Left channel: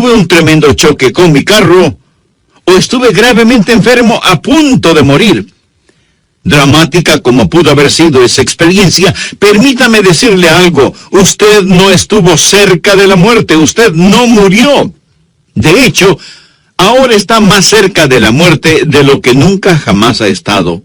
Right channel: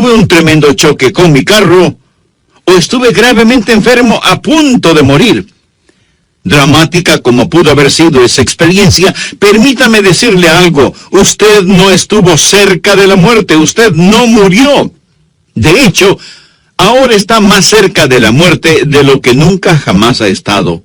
tuve un tremendo choque con mi carro, o estuve gravemente enfermo a punto de morir. Dramática como pudo haber sido esa experiencia, permítame decirle algo: usted no estuvo cerca de la muerte, usted no murió. De hecho, ahora está más cerca de la muerte de lo que nunca jamás ha estado.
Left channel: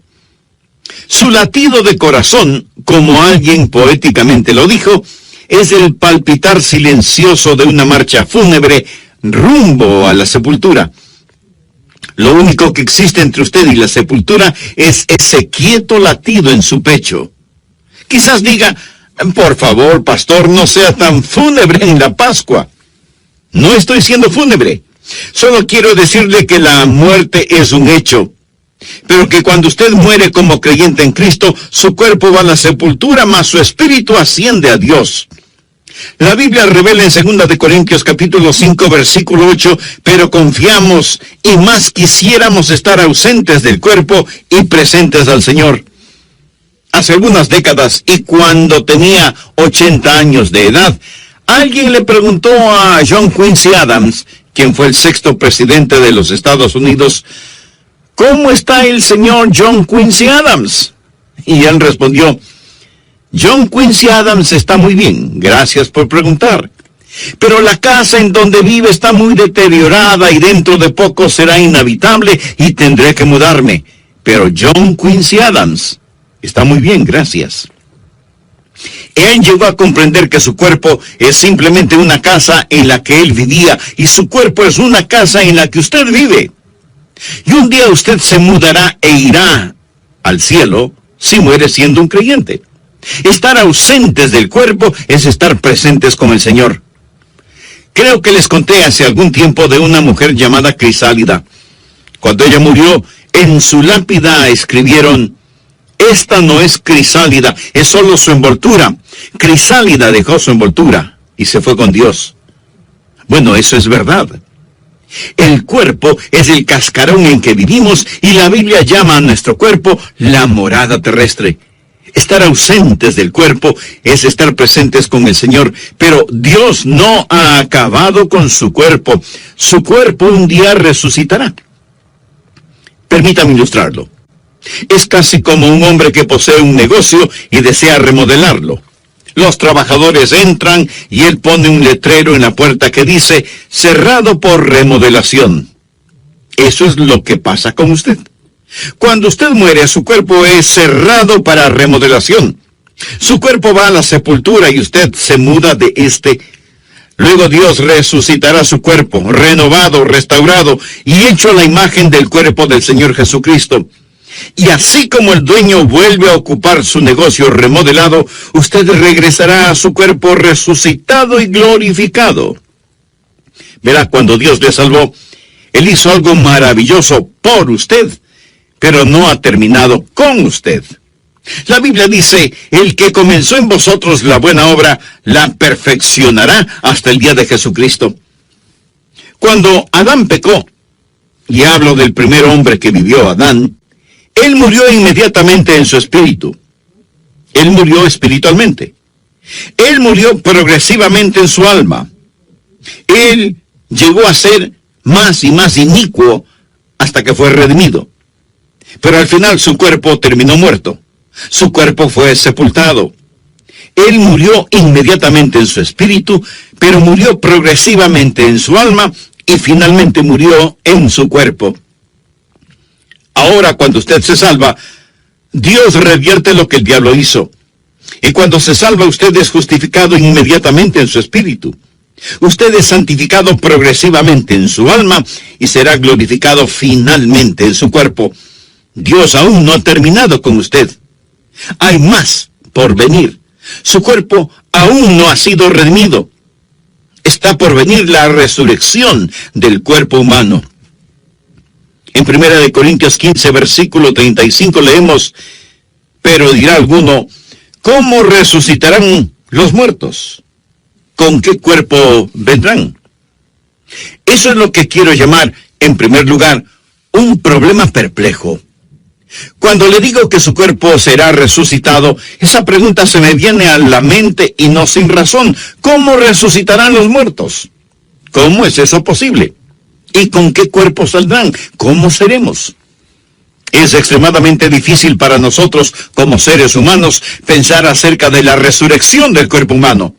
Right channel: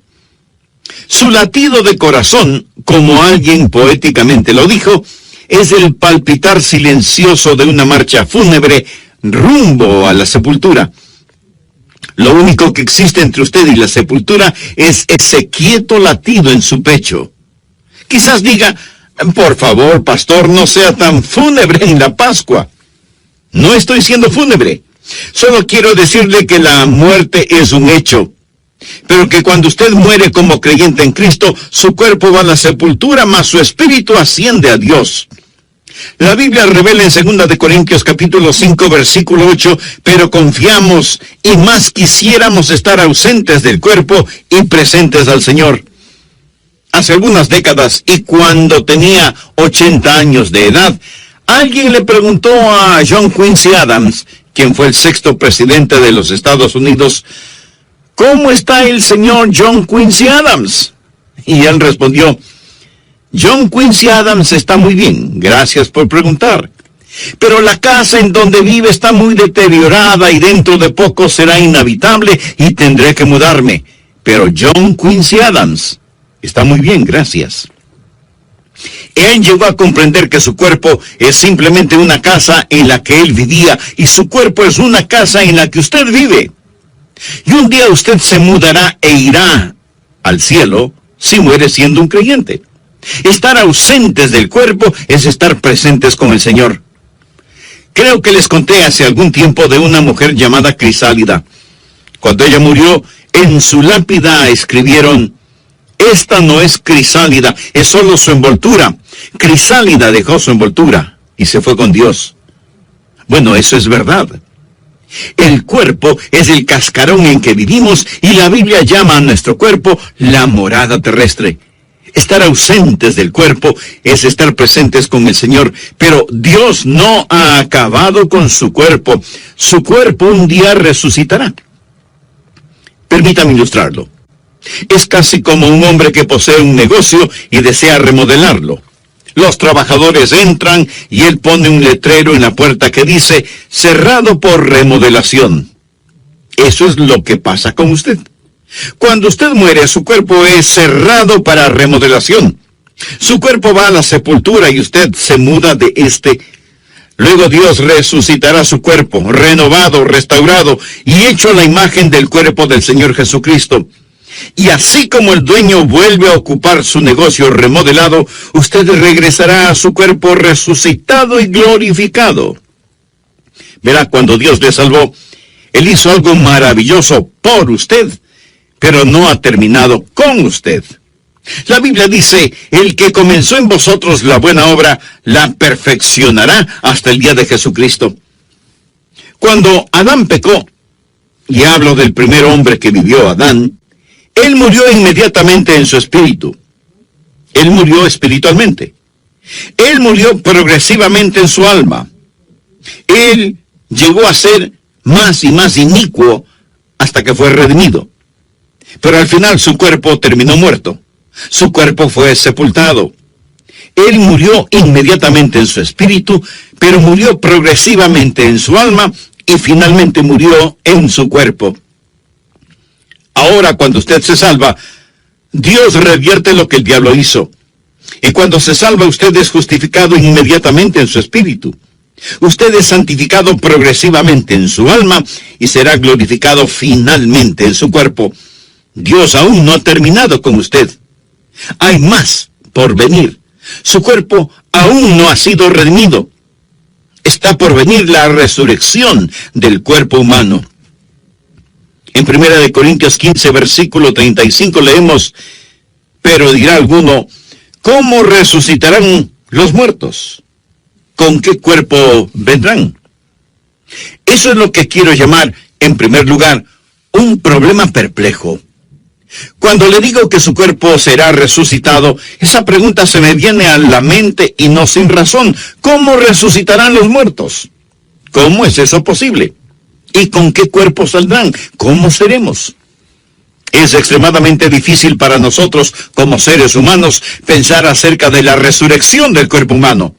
Su latido de corazón, como alguien poéticamente lo dijo, es el palpitar silencioso de una marcha fúnebre rumbo a la sepultura. Lo único que existe entre usted y la sepultura es ese quieto latido en su pecho. Quizás diga: por favor, pastor, no sea tan fúnebre en la Pascua. No estoy siendo fúnebre. Solo quiero decirle que la muerte es un hecho, pero que cuando usted muere como creyente en Cristo, su cuerpo va a la sepultura, mas su espíritu asciende a Dios. La Biblia revela en 2 de Corintios capítulo 5 versículo 8, pero confiamos y más quisiéramos estar ausentes del cuerpo y presentes al Señor. Hace algunas décadas, y cuando tenía 80 años de edad, alguien le preguntó a John Quincy Adams, quien fue el 6º presidente de los Estados Unidos: ¿cómo está el señor John Quincy Adams? Y él respondió: John Quincy Adams está muy bien, gracias por preguntar. Pero la casa en donde vive está muy deteriorada y dentro de poco será inhabitable y tendré que mudarme. Pero John Quincy Adams está muy bien, gracias. Él llegó a comprender que su cuerpo es simplemente una casa en la que él vivía, y su cuerpo es una casa en la que usted vive. Y un día usted se mudará e irá al cielo si muere siendo un creyente. Estar ausentes del cuerpo es estar presentes con el Señor. Creo que les conté hace algún tiempo de una mujer llamada Crisálida. Cuando ella murió, en su lápida escribieron: esta no es Crisálida, es solo su envoltura. Crisálida dejó su envoltura y se fue con Dios. Bueno, eso es verdad. El cuerpo es el cascarón en que vivimos, y la Biblia llama a nuestro cuerpo la morada terrestre. Estar ausentes del cuerpo es estar presentes con el Señor, pero Dios no ha acabado con su cuerpo. Su cuerpo un día resucitará. Permítame ilustrarlo. Es casi como un hombre que posee un negocio y desea remodelarlo. Los trabajadores entran y él pone un letrero en la puerta que dice: cerrado por remodelación. Eso es lo que pasa con usted. Cuando usted muere, su cuerpo es cerrado para remodelación. Su cuerpo va a la sepultura y usted se muda de este. Luego Dios resucitará su cuerpo, renovado, restaurado y hecho a la imagen del cuerpo del Señor Jesucristo. Y así como el dueño vuelve a ocupar su negocio remodelado, usted regresará a su cuerpo resucitado y glorificado. Verá, cuando Dios le salvó, Él hizo algo maravilloso por usted, pero no ha terminado con usted. La Biblia dice: el que comenzó en vosotros la buena obra, la perfeccionará hasta el día de Jesucristo. Cuando Adán pecó, y hablo del primer hombre que vivió, Adán, él murió inmediatamente en su espíritu. Él murió espiritualmente. Él murió progresivamente en su alma. Él llegó a ser más y más inicuo hasta que fue redimido. Pero al final su cuerpo terminó muerto. Su cuerpo fue sepultado. Él murió inmediatamente en su espíritu, pero murió progresivamente en su alma y finalmente murió en su cuerpo. Ahora, cuando usted se salva, Dios revierte lo que el diablo hizo. Y cuando se salva, usted es justificado inmediatamente en su espíritu. Usted es santificado progresivamente en su alma y será glorificado finalmente en su cuerpo. Dios aún no ha terminado con usted. Hay más por venir. Su cuerpo aún no ha sido redimido. Está por venir la resurrección del cuerpo humano. En 1 de Corintios 15, versículo 35 leemos: pero dirá alguno: ¿cómo resucitarán los muertos? ¿Con qué cuerpo vendrán? Eso es lo que quiero llamar, en primer lugar, un problema perplejo. Cuando le digo que su cuerpo será resucitado, esa pregunta se me viene a la mente y no sin razón. ¿Cómo resucitarán los muertos? ¿Cómo es eso posible? ¿Y con qué cuerpo saldrán? ¿Cómo seremos? Es extremadamente difícil para nosotros, como seres humanos, pensar acerca de la resurrección del cuerpo humano.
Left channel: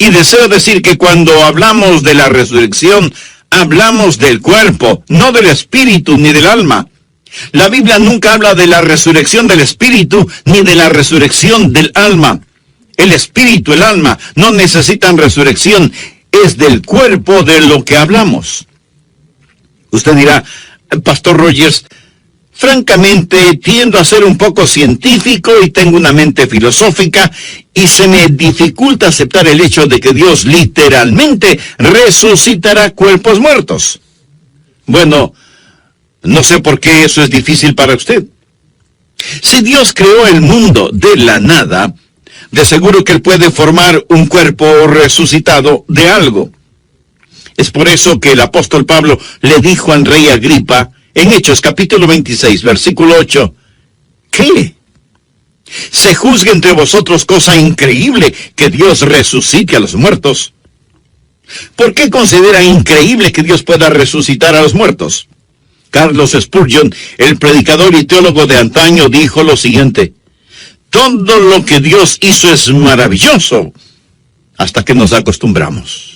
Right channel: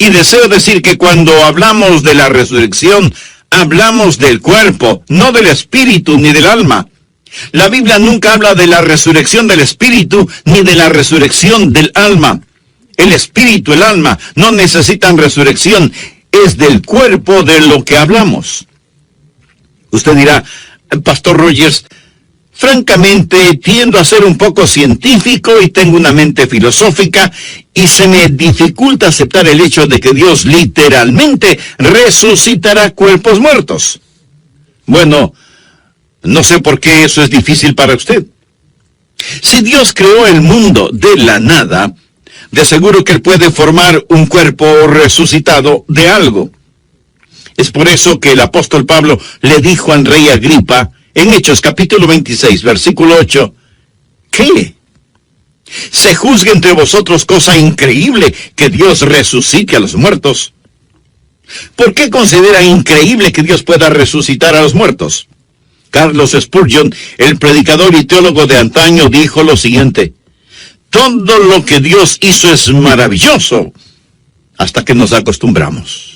Y deseo decir que cuando hablamos de la resurrección, hablamos del cuerpo, no del espíritu ni del alma. La Biblia nunca habla de la resurrección del espíritu ni de la resurrección del alma. El espíritu, el alma, no necesitan resurrección. Es del cuerpo de lo que hablamos. Usted dirá, Pastor Rogers, francamente tiendo a ser un poco científico y tengo una mente filosófica y se me dificulta aceptar el hecho de que Dios literalmente resucitará cuerpos muertos. Bueno, no sé por qué eso es difícil para usted. Si Dios creó el mundo de la nada, de seguro que Él puede formar un cuerpo resucitado de algo. Es por eso que el apóstol Pablo le dijo al rey Agripa, en Hechos capítulo 26, versículo 8, ¿qué? ¿Se juzga entre vosotros cosa increíble que Dios resucite a los muertos? ¿Por qué considera increíble que Dios pueda resucitar a los muertos? Carlos Spurgeon, el predicador y teólogo de antaño, dijo lo siguiente: todo lo que Dios hizo es maravilloso hasta que nos acostumbramos.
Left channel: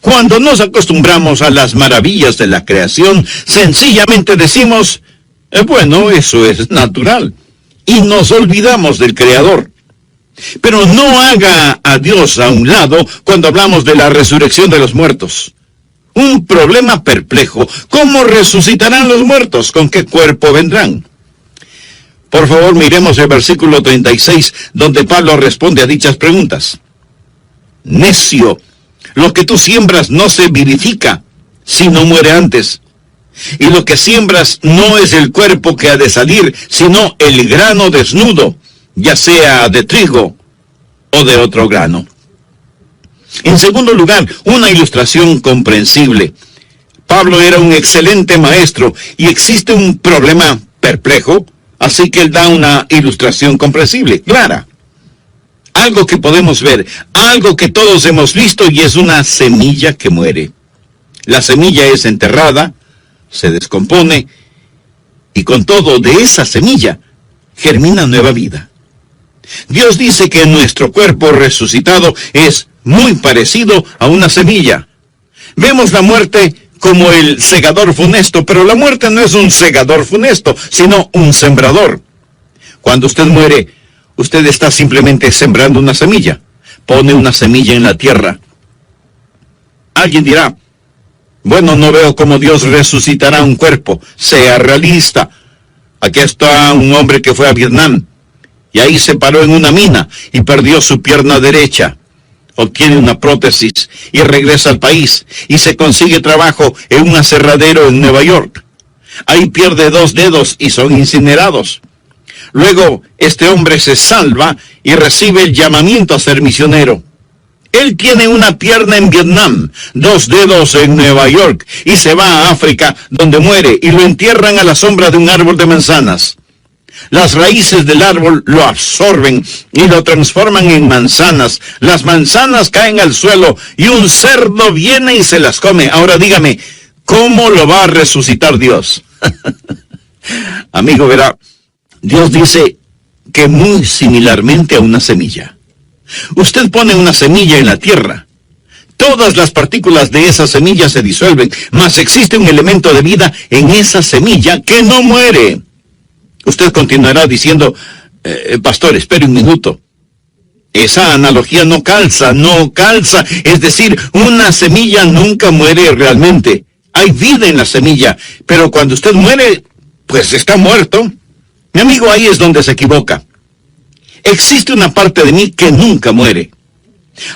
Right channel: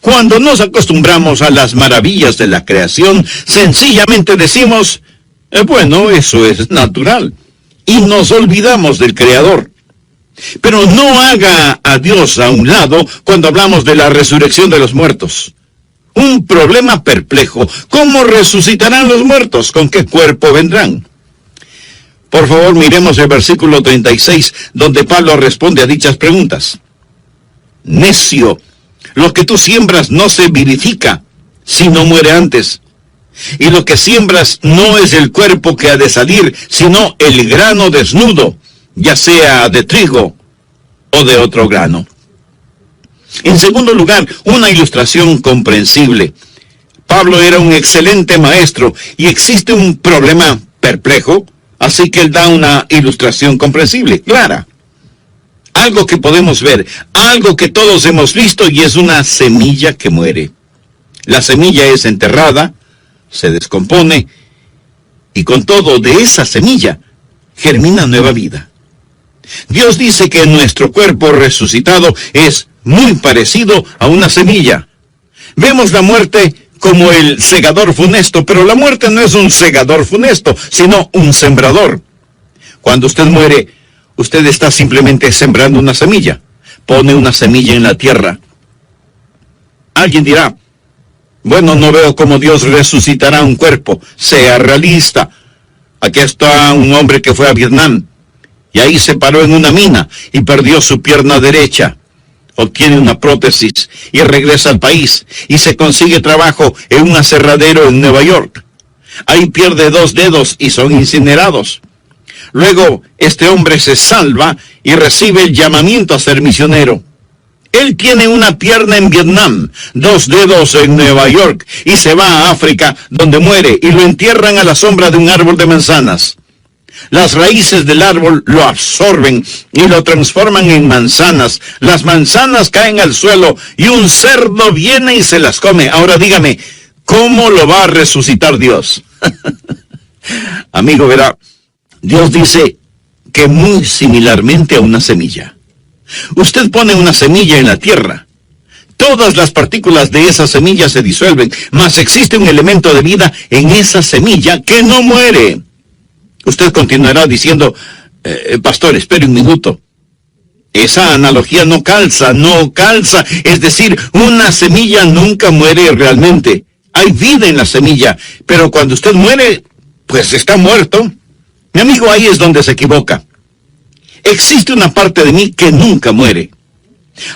Cuando nos acostumbramos a las maravillas de la creación, sencillamente decimos, bueno, eso es natural, y nos olvidamos del Creador. Pero no haga a Dios a un lado cuando hablamos de la resurrección de los muertos. Un problema perplejo. ¿Cómo resucitarán los muertos? ¿Con qué cuerpo vendrán? Por favor, miremos el versículo 36, donde Pablo responde a dichas preguntas. Necio, lo que tú siembras no se vivifica, si no muere antes. Y lo que siembras no es el cuerpo que ha de salir, sino el grano desnudo, ya sea de trigo o de otro grano. En segundo lugar, una ilustración comprensible. Pablo era un excelente maestro y existe un problema perplejo, así que él da una ilustración comprensible, clara. Algo que podemos ver, algo que todos hemos visto, y es una semilla que muere. La semilla es enterrada, se descompone, y con todo de esa semilla germina nueva vida. Dios dice que nuestro cuerpo resucitado es muy parecido a una semilla. Vemos la muerte como el segador funesto, pero la muerte no es un segador funesto, sino un sembrador. Cuando usted muere, usted está simplemente sembrando una semilla. Pone una semilla en la tierra. Alguien dirá, bueno, no veo cómo Dios resucitará un cuerpo. Sea realista. Aquí está un hombre que fue a Vietnam, y ahí se paró en una mina y perdió su pierna derecha. Obtiene una prótesis y regresa al país y se consigue trabajo en un aserradero en Nueva York. Ahí pierde 2 dedos y son incinerados. Luego, este hombre se salva y recibe el llamamiento a ser misionero. Él tiene una pierna en Vietnam, 2 dedos en Nueva York, y se va a África, donde muere, y lo entierran a la sombra de un árbol de manzanas. Las raíces del árbol lo absorben y lo transforman en manzanas. Las manzanas caen al suelo y un cerdo viene y se las come. Ahora dígame, ¿cómo lo va a resucitar Dios? Amigo, verá, Dios dice que muy similarmente a una semilla. Usted pone una semilla en la tierra. Todas las partículas de esa semilla se disuelven, mas existe un elemento de vida en esa semilla que no muere. Usted continuará diciendo, pastor, espere un minuto. Esa analogía no calza. Es decir, una semilla nunca muere realmente. Hay vida en la semilla, pero cuando usted muere, pues está muerto. Mi amigo, ahí es donde se equivoca. Existe una parte de mí que nunca muere.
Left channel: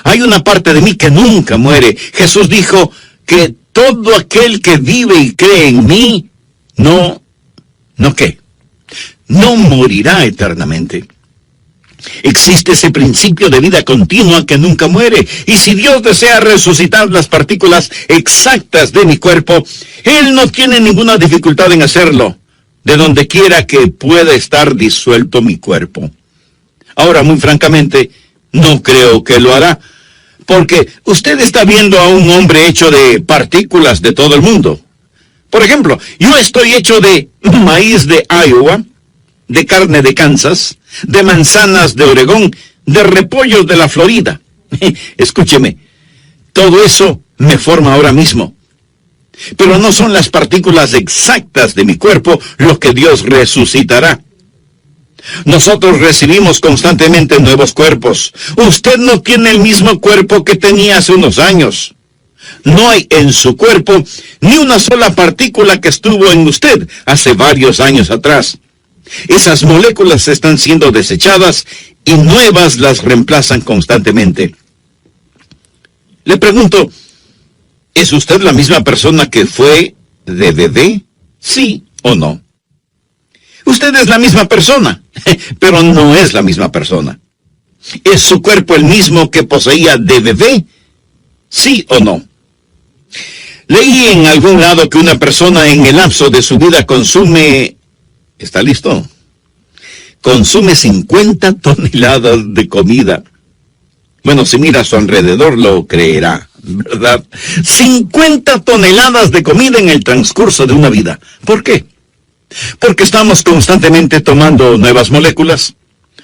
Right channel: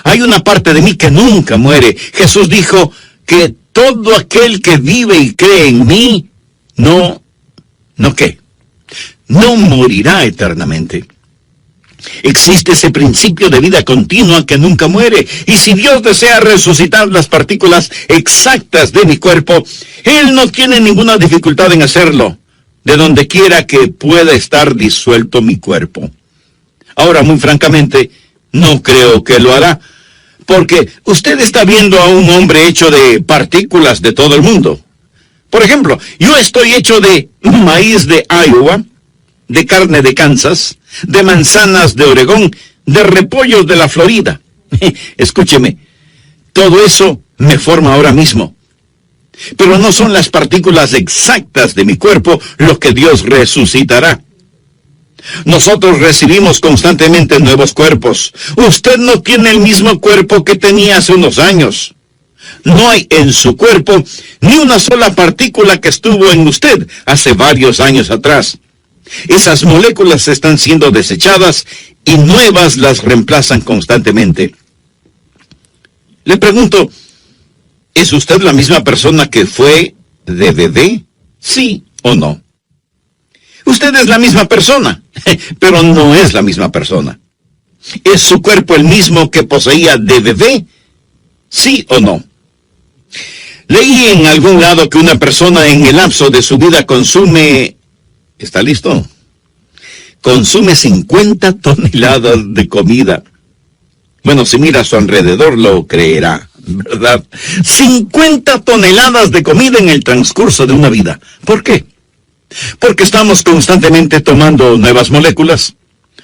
Hay una parte de mí que nunca muere. Jesús dijo que todo aquel que vive y cree en mí, no morirá eternamente. Existe ese principio de vida continua que nunca muere. Y si Dios desea resucitar las partículas exactas de mi cuerpo, Él no tiene ninguna dificultad en hacerlo, de donde quiera que pueda estar disuelto mi cuerpo. Ahora, muy francamente, no creo que lo hará, Porque usted está viendo a un hombre hecho de partículas de todo el mundo. Por ejemplo, yo estoy hecho de maíz de Iowa, de carne de Kansas, de manzanas de Oregón, de repollos de la Florida. Escúcheme, todo eso me forma ahora mismo. Pero no son las partículas exactas de mi cuerpo lo que Dios resucitará. Nosotros recibimos constantemente nuevos cuerpos. Usted no tiene el mismo cuerpo que tenía hace unos años. No hay en su cuerpo ni una sola partícula que estuvo en usted hace varios años atrás. Esas moléculas están siendo desechadas y nuevas las reemplazan constantemente. Le pregunto, ¿es usted la misma persona que fue de bebé? ¿Sí o no? Usted es la misma persona, pero no es la misma persona. ¿Es su cuerpo el mismo que poseía de bebé? ¿Sí o no? Leí en algún lado que una persona en el lapso de su vida consume... ¿Está listo? Consume 50 toneladas de comida. Bueno, si mira a su alrededor lo creerá, ¿verdad? 50 toneladas de comida en el transcurso de una vida. ¿Por qué? Porque estamos constantemente tomando nuevas moléculas.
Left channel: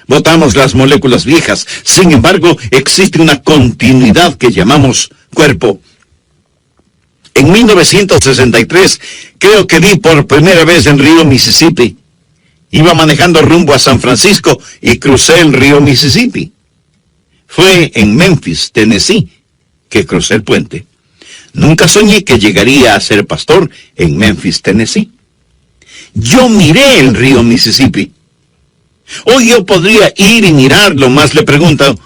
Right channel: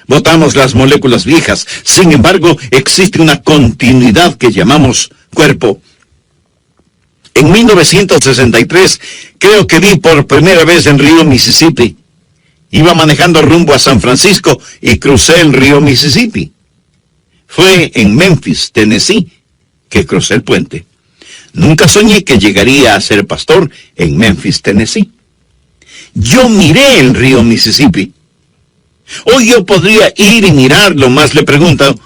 Botamos las moléculas viejas. Sin embargo, existe una continuidad que llamamos cuerpo. En 1963, creo que vi por primera vez en Río, Mississippi. Iba manejando rumbo a San Francisco y crucé el río Mississippi. Fue en Memphis, Tennessee, que crucé el puente. Nunca soñé que llegaría a ser pastor en Memphis, Tennessee. Yo miré el río Mississippi. Hoy yo podría ir y mirarlo, más le pregunto,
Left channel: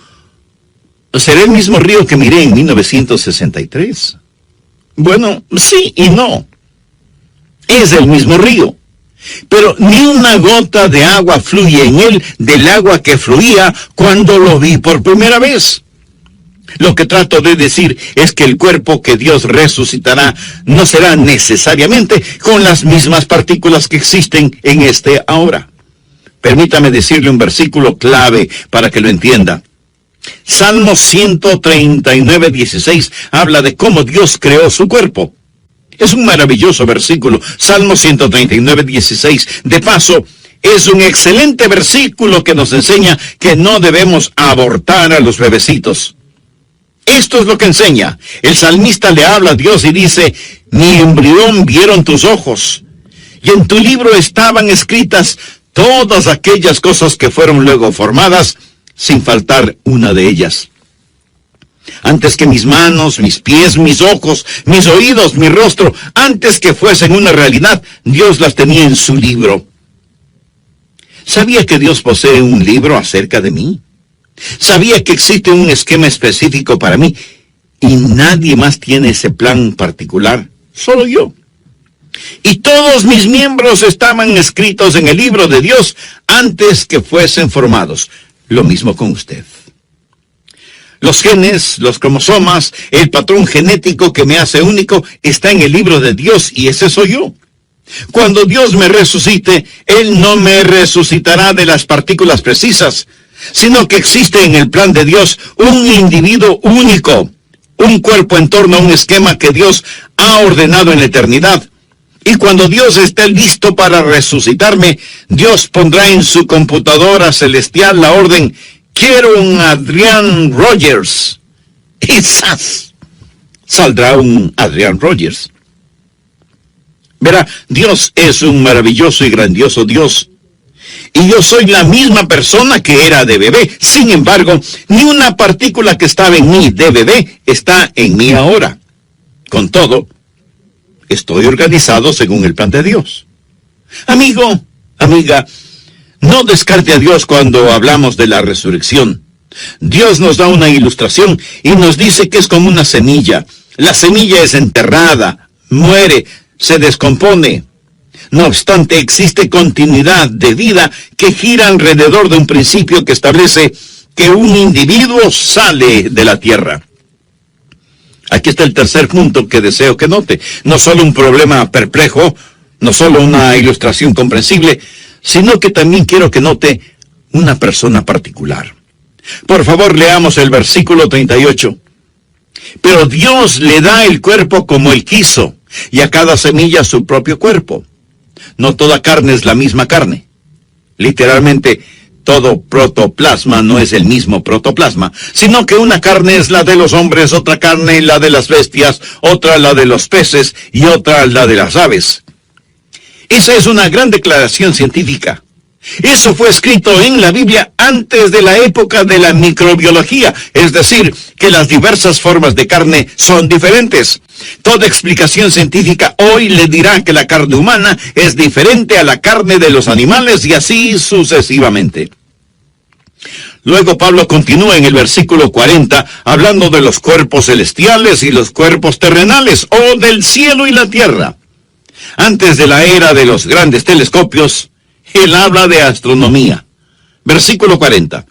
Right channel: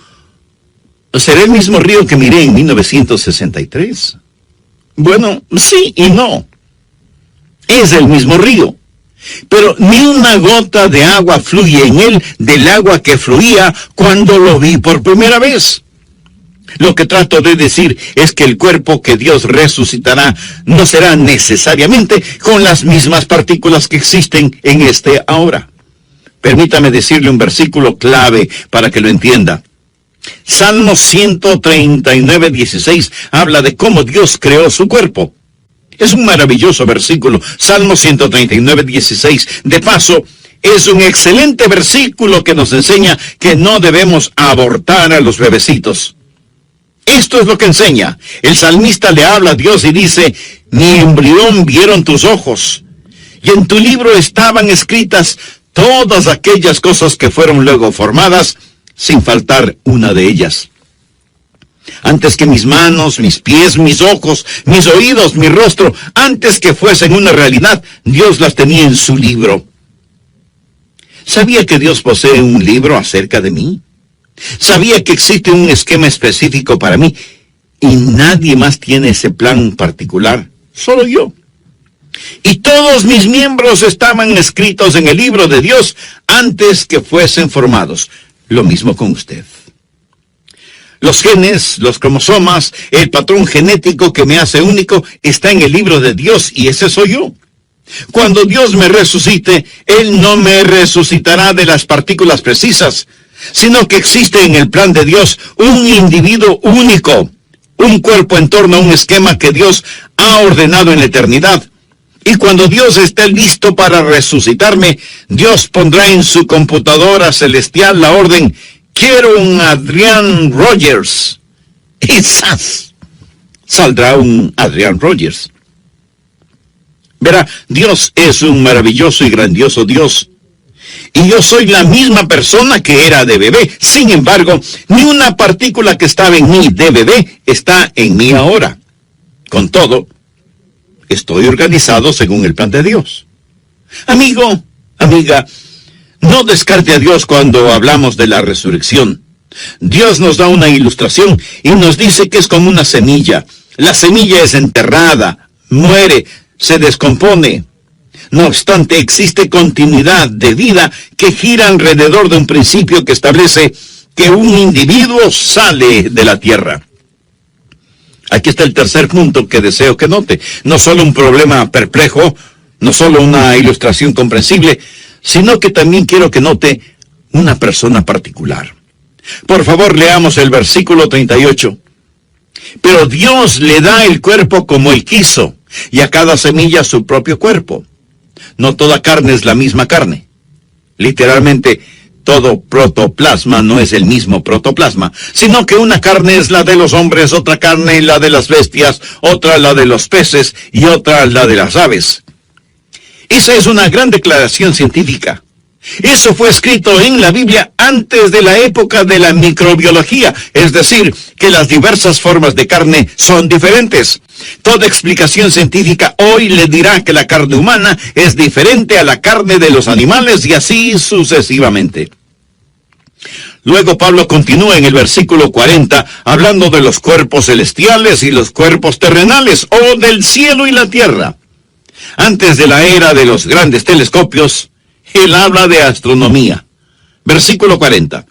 ¿será el mismo río que miré en 1963? Bueno, sí y no. Es el mismo río. Pero ni una gota de agua fluye en él del agua que fluía cuando lo vi por primera vez. Lo que trato de decir es que el cuerpo que Dios resucitará no será necesariamente con las mismas partículas que existen en este ahora. Permítame decirle un versículo clave para que lo entienda. Salmo 139, 16 habla de cómo Dios creó su cuerpo. Es un maravilloso versículo. Salmo 139, 16. De paso, es un excelente versículo que nos enseña que no debemos abortar a los bebecitos. Esto es lo que enseña. El salmista le habla a Dios y dice, mi embrión vieron tus ojos, y en tu libro estaban escritas todas aquellas cosas que fueron luego formadas, sin faltar una de ellas. Antes que mis manos, mis pies, mis ojos, mis oídos, mi rostro, antes que fuesen una realidad, Dios las tenía en su libro. ¿Sabía que Dios posee un libro acerca de mí? ¿Sabía que existe un esquema específico para mí? Y nadie más tiene ese plan particular, solo yo. Y todos mis miembros estaban escritos en el libro de Dios antes que fuesen formados. Lo mismo con usted. Los genes, los cromosomas, el patrón genético que me hace único está en el libro de Dios y ese soy yo. Cuando Dios me resucite, Él no me resucitará de las partículas precisas, sino que existe en el plan de Dios un individuo único, un cuerpo en torno a un esquema que Dios ha ordenado en la eternidad. Y cuando Dios esté listo para resucitarme, Dios pondrá en su computadora celestial la orden, quiero un Adrian Rogers. Y ¡zas! Saldrá un Adrian Rogers. Verá, Dios es un maravilloso y grandioso Dios. Y yo soy la misma persona que era de bebé. Sin embargo, ni una partícula que estaba en mí de bebé está en mí ahora. Con todo, estoy organizado según el plan de Dios. Amigo, amiga, no descarte a Dios cuando hablamos de la resurrección. Dios nos da una ilustración y nos dice que es como una semilla. La semilla es enterrada, muere, se descompone. No obstante, existe continuidad de vida que gira alrededor de un principio que establece que un individuo sale de la tierra. Aquí está el tercer punto que deseo que note. No solo un problema perplejo, no solo una ilustración comprensible, sino que también quiero que note una persona particular. Por favor, leamos el versículo 38. Pero Dios le da el cuerpo como Él quiso, y a cada semilla su propio cuerpo. No toda carne es la misma carne. Literalmente, todo protoplasma no es el mismo protoplasma, sino que una carne es la de los hombres, otra carne la de las bestias, otra la de los peces y otra la de las aves. Esa es una gran declaración científica. Eso fue escrito en la Biblia antes de la época de la microbiología, es decir, que las diversas formas de carne son diferentes. Toda explicación científica hoy le dirá que la carne humana es diferente a la carne de los animales y así sucesivamente. Luego Pablo continúa en el versículo 40 hablando de los cuerpos celestiales y los cuerpos terrenales, o del cielo y la tierra. Antes de la era de los grandes telescopios, él habla de astronomía. Versículo 40.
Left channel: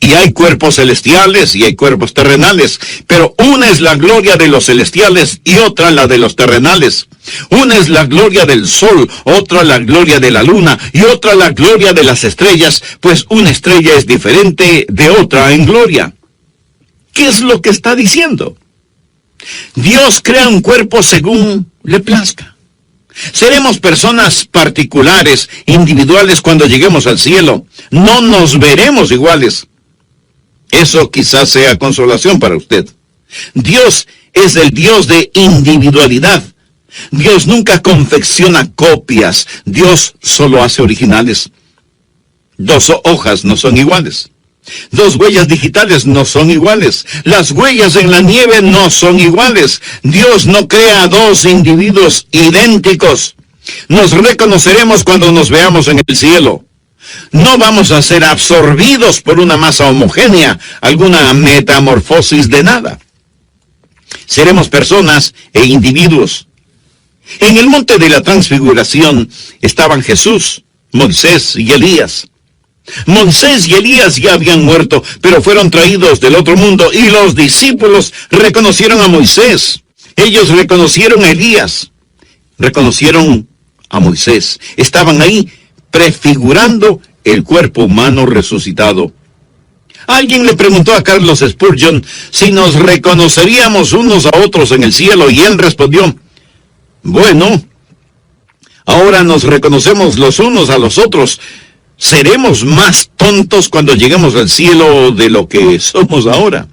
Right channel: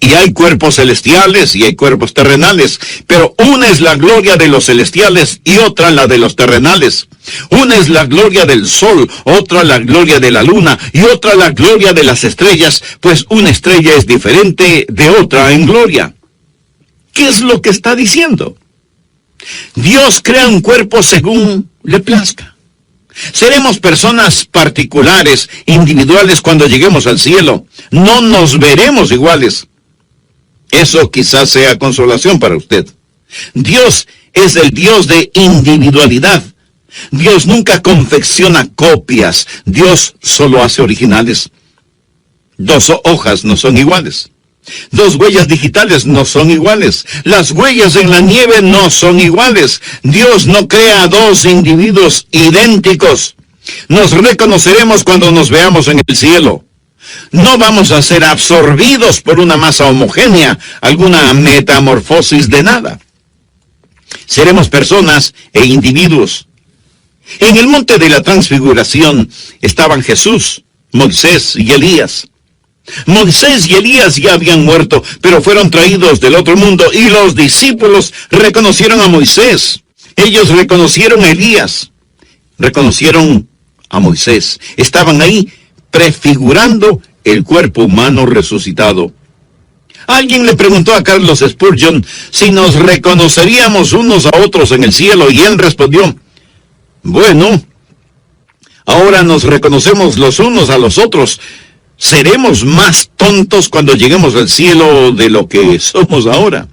Y hay cuerpos celestiales y hay cuerpos terrenales, pero una es la gloria de los celestiales y otra la de los terrenales. Una es la gloria del sol, otra la gloria de la luna y otra la gloria de las estrellas, pues una estrella es diferente de otra en gloria. ¿Qué es lo que está diciendo? Dios crea un cuerpo según le plazca. Seremos personas particulares, individuales cuando lleguemos al cielo. No nos veremos iguales. Eso quizás sea consolación para usted. Dios es el Dios de individualidad. Dios nunca confecciona copias. Dios solo hace originales. 2 hojas no son iguales. 2 huellas digitales no son iguales. Las huellas en la nieve no son iguales. Dios no crea 2 individuos idénticos. Nos reconoceremos cuando nos veamos en el cielo. No vamos a ser absorbidos por una masa homogénea, alguna metamorfosis de nada. Seremos personas e individuos. En el monte de la transfiguración estaban Jesús, Moisés y Elías. Moisés y Elías ya habían muerto, pero fueron traídos del otro mundo y los discípulos reconocieron a Moisés. Ellos reconocieron a Elías, reconocieron a Moisés. Estaban ahí prefigurando el cuerpo humano resucitado. Alguien le preguntó a Carlos Spurgeon si nos reconoceríamos unos a otros en el cielo y él respondió, bueno, ahora nos reconocemos los unos a los otros. ¿Seremos más tontos cuando lleguemos al cielo de lo que somos ahora?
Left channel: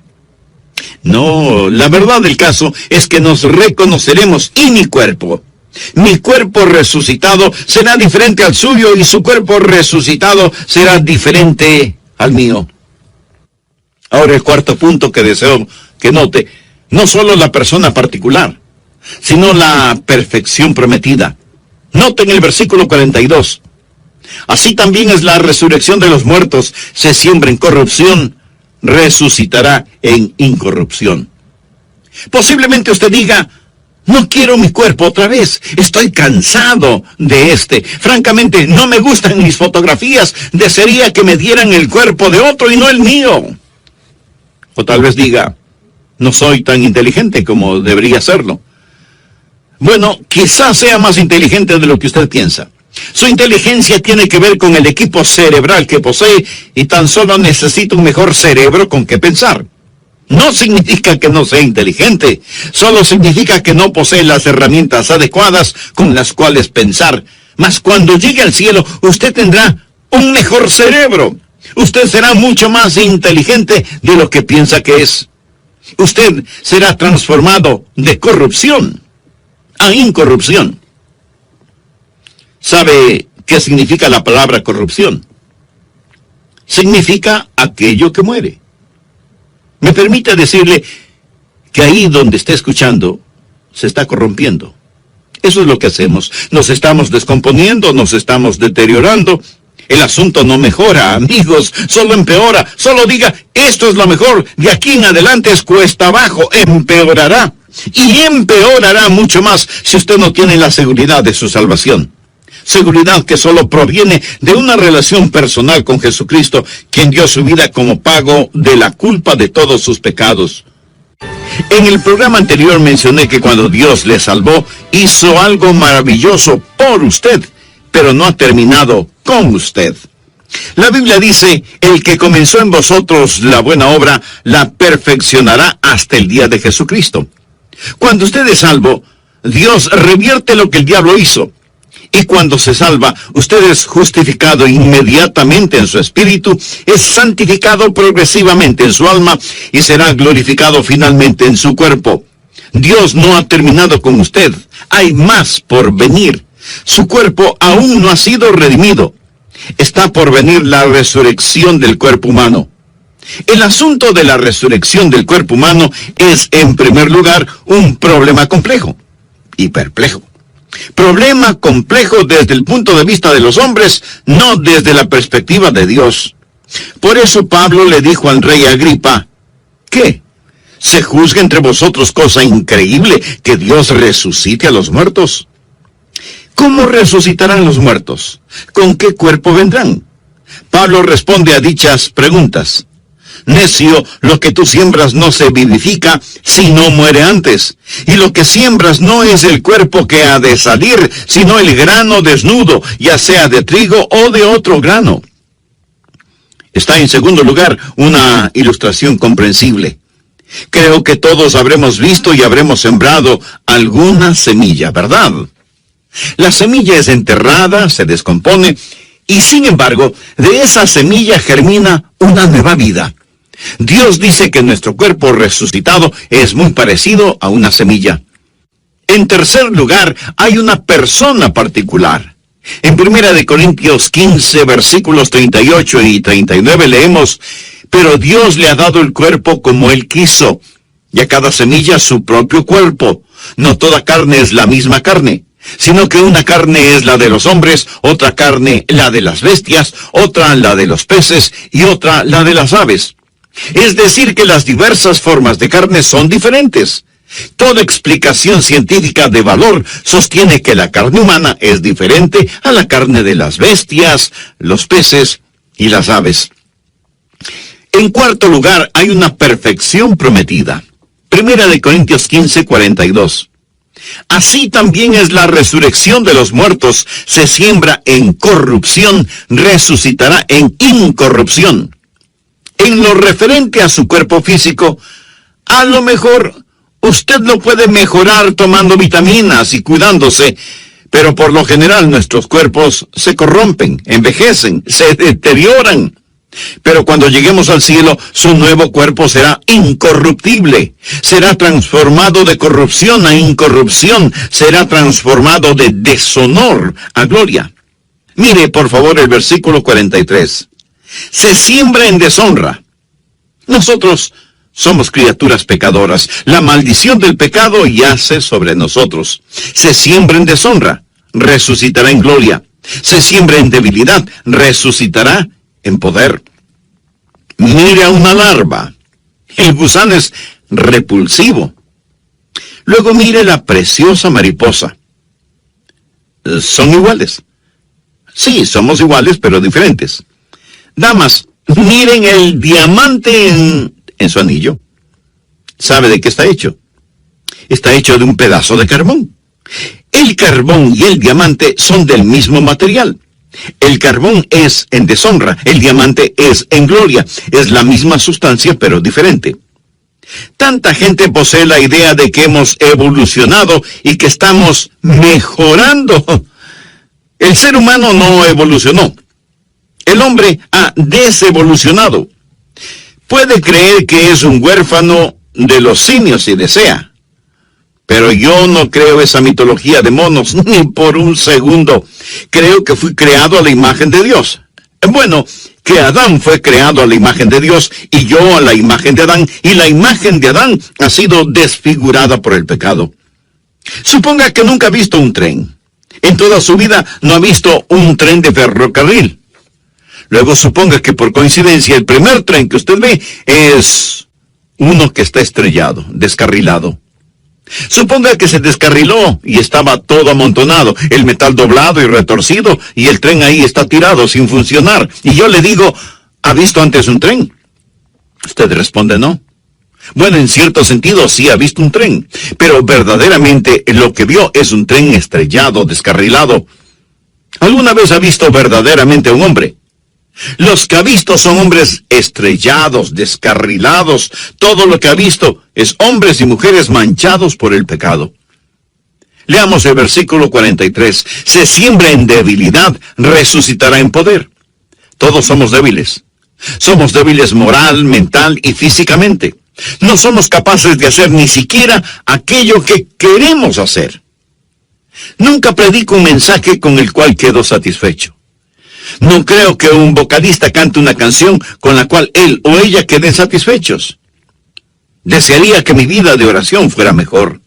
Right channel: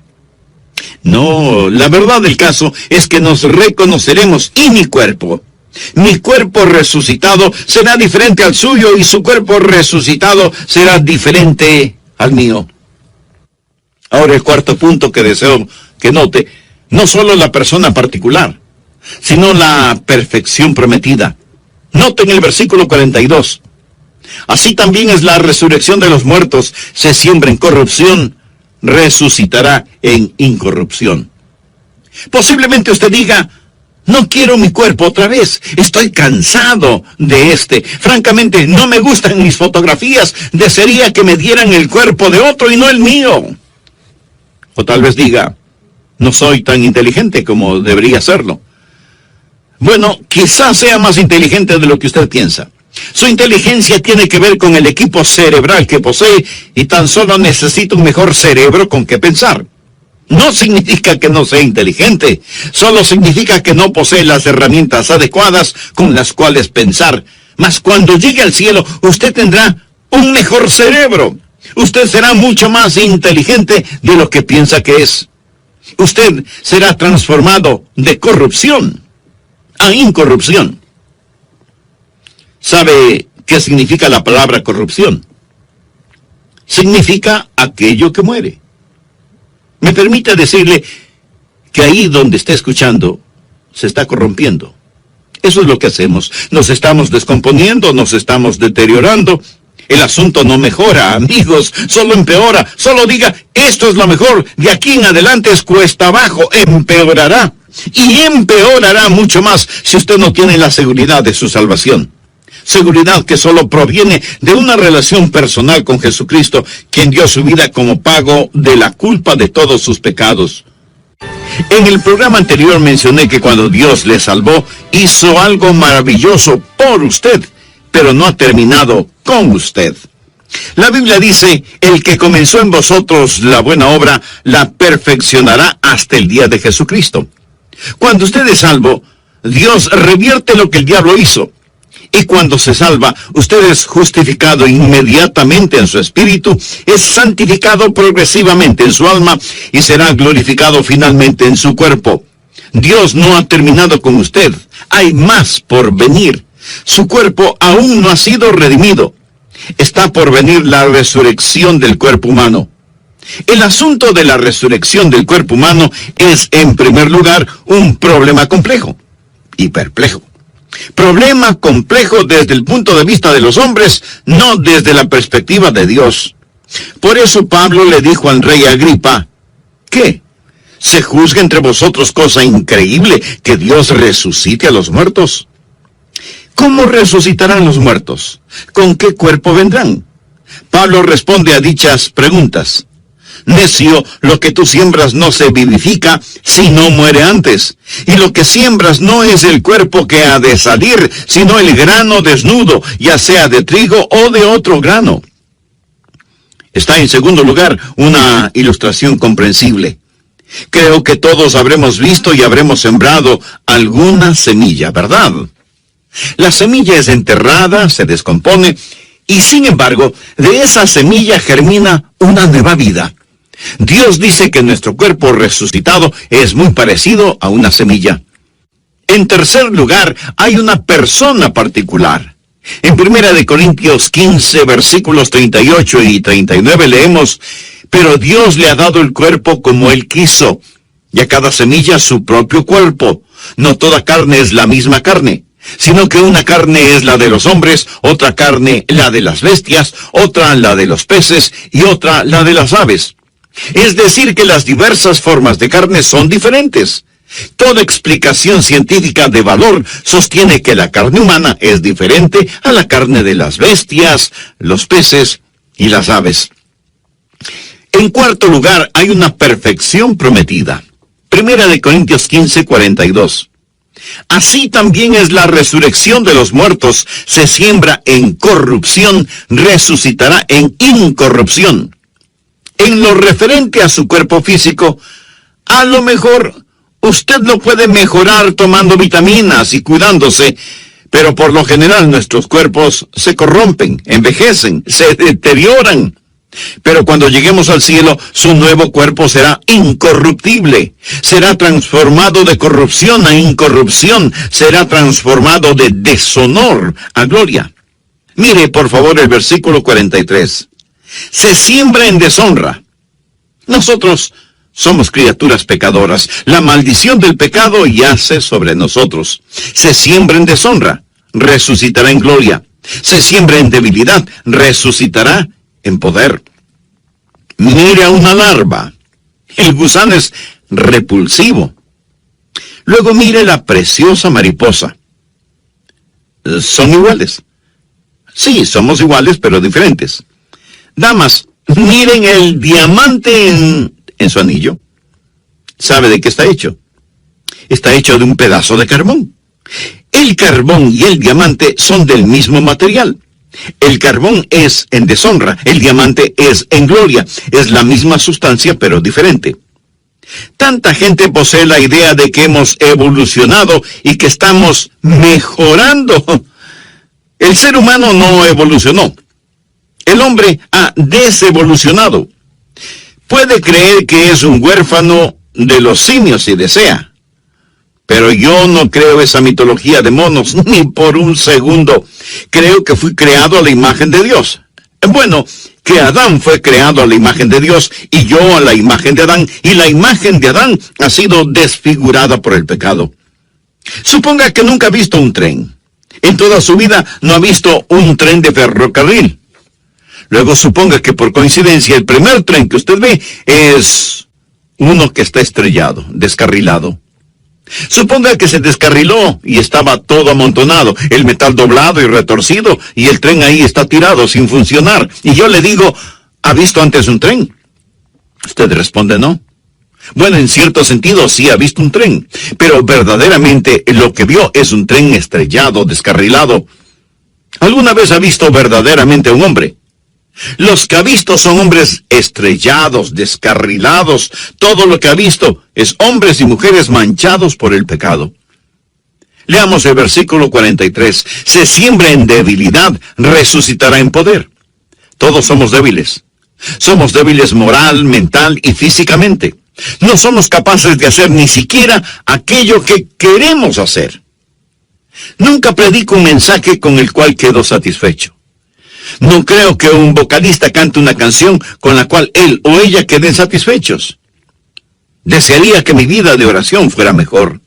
No, la verdad del caso es que nos reconoceremos y mi cuerpo resucitado será diferente al suyo y su cuerpo resucitado será diferente al mío. Ahora el cuarto punto que deseo que note, no solo la persona particular, sino la perfección prometida. Noten el versículo 42. Así también es la resurrección de los muertos. Se siembra en corrupción, resucitará en incorrupción. Posiblemente usted diga, no quiero mi cuerpo otra vez. Estoy cansado de este. Francamente, no me gustan mis fotografías. Desearía que me dieran el cuerpo de otro y no el mío. O tal vez diga, no soy tan inteligente como debería serlo. Bueno, quizás sea más inteligente de lo que usted piensa. Su inteligencia tiene que ver con el equipo cerebral que posee y tan solo necesita un mejor cerebro con que pensar. No significa que no sea inteligente, solo significa que no posee las herramientas adecuadas con las cuales pensar. Mas cuando llegue al cielo, usted tendrá un mejor cerebro. Usted será mucho más inteligente de lo que piensa que es. Usted será transformado de corrupción a incorrupción. ¿Sabe qué significa la palabra corrupción? Significa aquello que muere. Me permite decirle que ahí donde está escuchando, se está corrompiendo. Eso es lo que hacemos. Nos estamos descomponiendo, nos estamos deteriorando. El asunto no mejora, amigos, solo empeora. Solo diga, esto es lo mejor, de aquí en adelante es cuesta abajo, empeorará. Y empeorará mucho más si usted no tiene la seguridad de su salvación. Seguridad que solo proviene de una relación personal con Jesucristo, quien dio su vida como pago de la culpa de todos sus pecados. En el programa anterior mencioné que cuando Dios le salvó, hizo algo maravilloso por usted, pero no ha terminado con usted. La Biblia dice, el que comenzó en vosotros la buena obra, la perfeccionará hasta el día de Jesucristo. Cuando usted es salvo, Dios revierte lo que el diablo hizo. Y cuando se salva, usted es justificado inmediatamente en su espíritu, es santificado progresivamente en su alma y será glorificado finalmente en su cuerpo. Dios no ha terminado con usted. Hay más por venir. Su cuerpo aún no ha sido redimido. Está por venir la resurrección del cuerpo humano. El asunto de la resurrección del cuerpo humano es, en primer lugar, un problema complejo y perplejo. Problema complejo desde el punto de vista de los hombres, no desde la perspectiva de Dios. Por eso Pablo le dijo al rey Agripa, ¿qué? ¿Se juzga entre vosotros cosa increíble que Dios resucite a los muertos? ¿Cómo resucitarán los muertos? ¿Con qué cuerpo vendrán? Pablo responde a dichas preguntas. Necio, lo que tú siembras no se vivifica si no muere antes. Y lo que siembras no es el cuerpo que ha de salir, sino el grano desnudo, ya sea de trigo o de otro grano. Está en segundo lugar una ilustración comprensible. Creo que todos habremos visto y habremos sembrado alguna semilla, ¿verdad? La semilla es enterrada, se descompone, y sin embargo, de esa semilla germina una nueva vida. Dios dice que nuestro cuerpo resucitado es muy parecido a una semilla. En tercer lugar, hay una persona particular. En 1 Corintios 15, versículos 38 y 39 leemos, pero Dios le ha dado el cuerpo como Él quiso, y a cada semilla su propio cuerpo. No toda carne es la misma carne, sino que una carne es la de los hombres, otra carne la de las bestias, otra la de los peces y otra la de las aves. Es decir, que las diversas formas de carne son diferentes. Toda explicación científica de valor sostiene que la carne humana es diferente a la carne de las bestias, los peces y las aves. En cuarto lugar, hay una perfección prometida. 1 Corintios 15, 42. Así también es la resurrección de los muertos. Se siembra en corrupción, resucitará en incorrupción. En lo referente a su cuerpo físico, a lo mejor usted lo puede mejorar tomando vitaminas y cuidándose, pero por lo general nuestros cuerpos se corrompen, envejecen, se deterioran. Pero cuando lleguemos al cielo, su nuevo cuerpo será incorruptible, será transformado de corrupción a incorrupción, será transformado de deshonor a gloria. Mire, por favor, el versículo 43. Se siembra en deshonra. Nosotros somos criaturas pecadoras. La maldición del pecado yace sobre nosotros. Se siembra en deshonra, resucitará en gloria. Se siembra en debilidad, resucitará en poder. Mire a una larva. El gusano es repulsivo. Luego mire la preciosa mariposa. Son iguales. Sí, somos iguales, pero diferentes. Damas, miren el diamante en su anillo. ¿Sabe de qué está hecho? Está hecho de un pedazo de carbón. El carbón y el diamante son del mismo material. El carbón es en deshonra, el diamante es en gloria. Es la misma sustancia, pero diferente. Tanta gente posee la idea de que hemos evolucionado y que estamos mejorando. El ser humano no evolucionó. El hombre ha desevolucionado. Puede creer que es un huérfano de los simios si desea. Pero yo no creo esa mitología de monos, ni por un segundo. Creo que fui creado a la imagen de Dios. Bueno, que Adán fue creado a la imagen de Dios, y yo a la imagen de Adán, y la imagen de Adán ha sido desfigurada por el pecado. Suponga que nunca ha visto un tren. En toda su vida no ha visto un tren de ferrocarril. Luego suponga que por coincidencia el primer tren que usted ve es uno que está estrellado, descarrilado. Suponga que se descarriló y estaba todo amontonado, el metal doblado y retorcido, y el tren ahí está tirado sin funcionar. Y yo le digo, ¿ha visto antes un tren? Usted responde no. Bueno, en cierto sentido sí ha visto un tren, pero verdaderamente lo que vio es un tren estrellado, descarrilado. ¿Alguna vez ha visto verdaderamente a un hombre? Los que ha visto son hombres estrellados, descarrilados. Todo lo que ha visto es hombres y mujeres manchados por el pecado. Leamos el versículo 43. Se siembra en debilidad, resucitará en poder. Todos somos débiles. Somos débiles moral, mental y físicamente. No somos capaces de hacer ni siquiera aquello que queremos hacer. Nunca predico un mensaje con el cual quedo satisfecho. No creo que un vocalista cante una canción con la cual él o ella queden satisfechos. Desearía que mi vida de oración fuera mejor.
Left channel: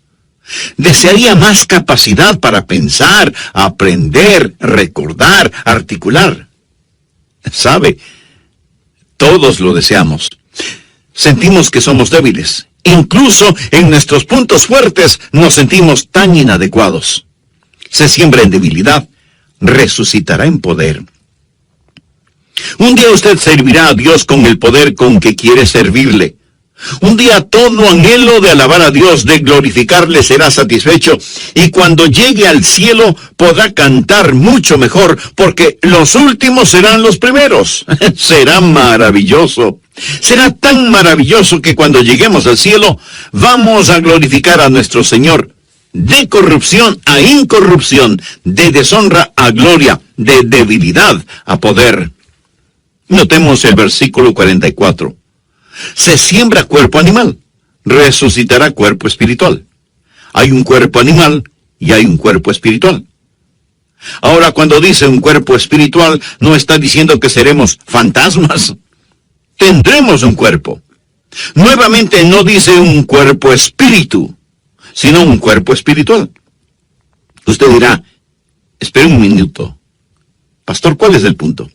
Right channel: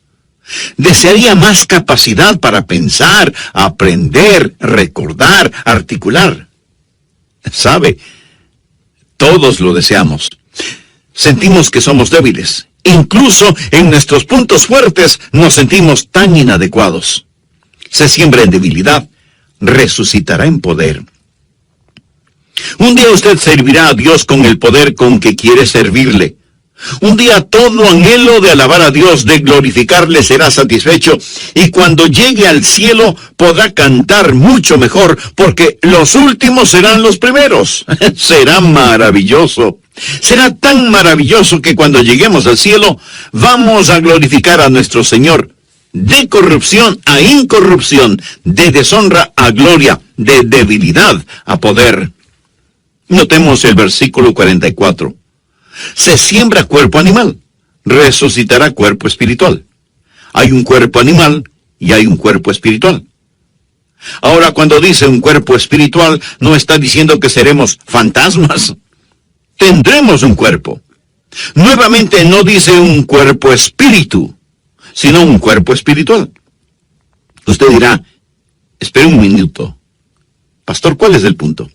Desearía más capacidad para pensar, aprender, recordar, articular. ¿Sabe? Todos lo deseamos. Sentimos que somos débiles. Incluso en nuestros puntos fuertes nos sentimos tan inadecuados. Se siembra en debilidad, resucitará en poder. Un día usted servirá a Dios con el poder con que quiere servirle. Un día todo anhelo de alabar a Dios, de glorificarle, será satisfecho, y cuando llegue al cielo podrá cantar mucho mejor, porque los últimos serán los primeros. Será maravilloso. Será tan maravilloso que cuando lleguemos al cielo vamos a glorificar a nuestro Señor, de corrupción a incorrupción, de deshonra a gloria, de debilidad a poder. Notemos el versículo 44. Se siembra cuerpo animal, resucitará cuerpo espiritual. Hay un cuerpo animal y hay un cuerpo espiritual. Ahora, cuando dice un cuerpo espiritual, no está diciendo que seremos fantasmas. Tendremos un cuerpo. Nuevamente no dice un cuerpo espíritu, sino un cuerpo espiritual. Usted dirá, espere un minuto. Pastor, ¿cuál es el punto?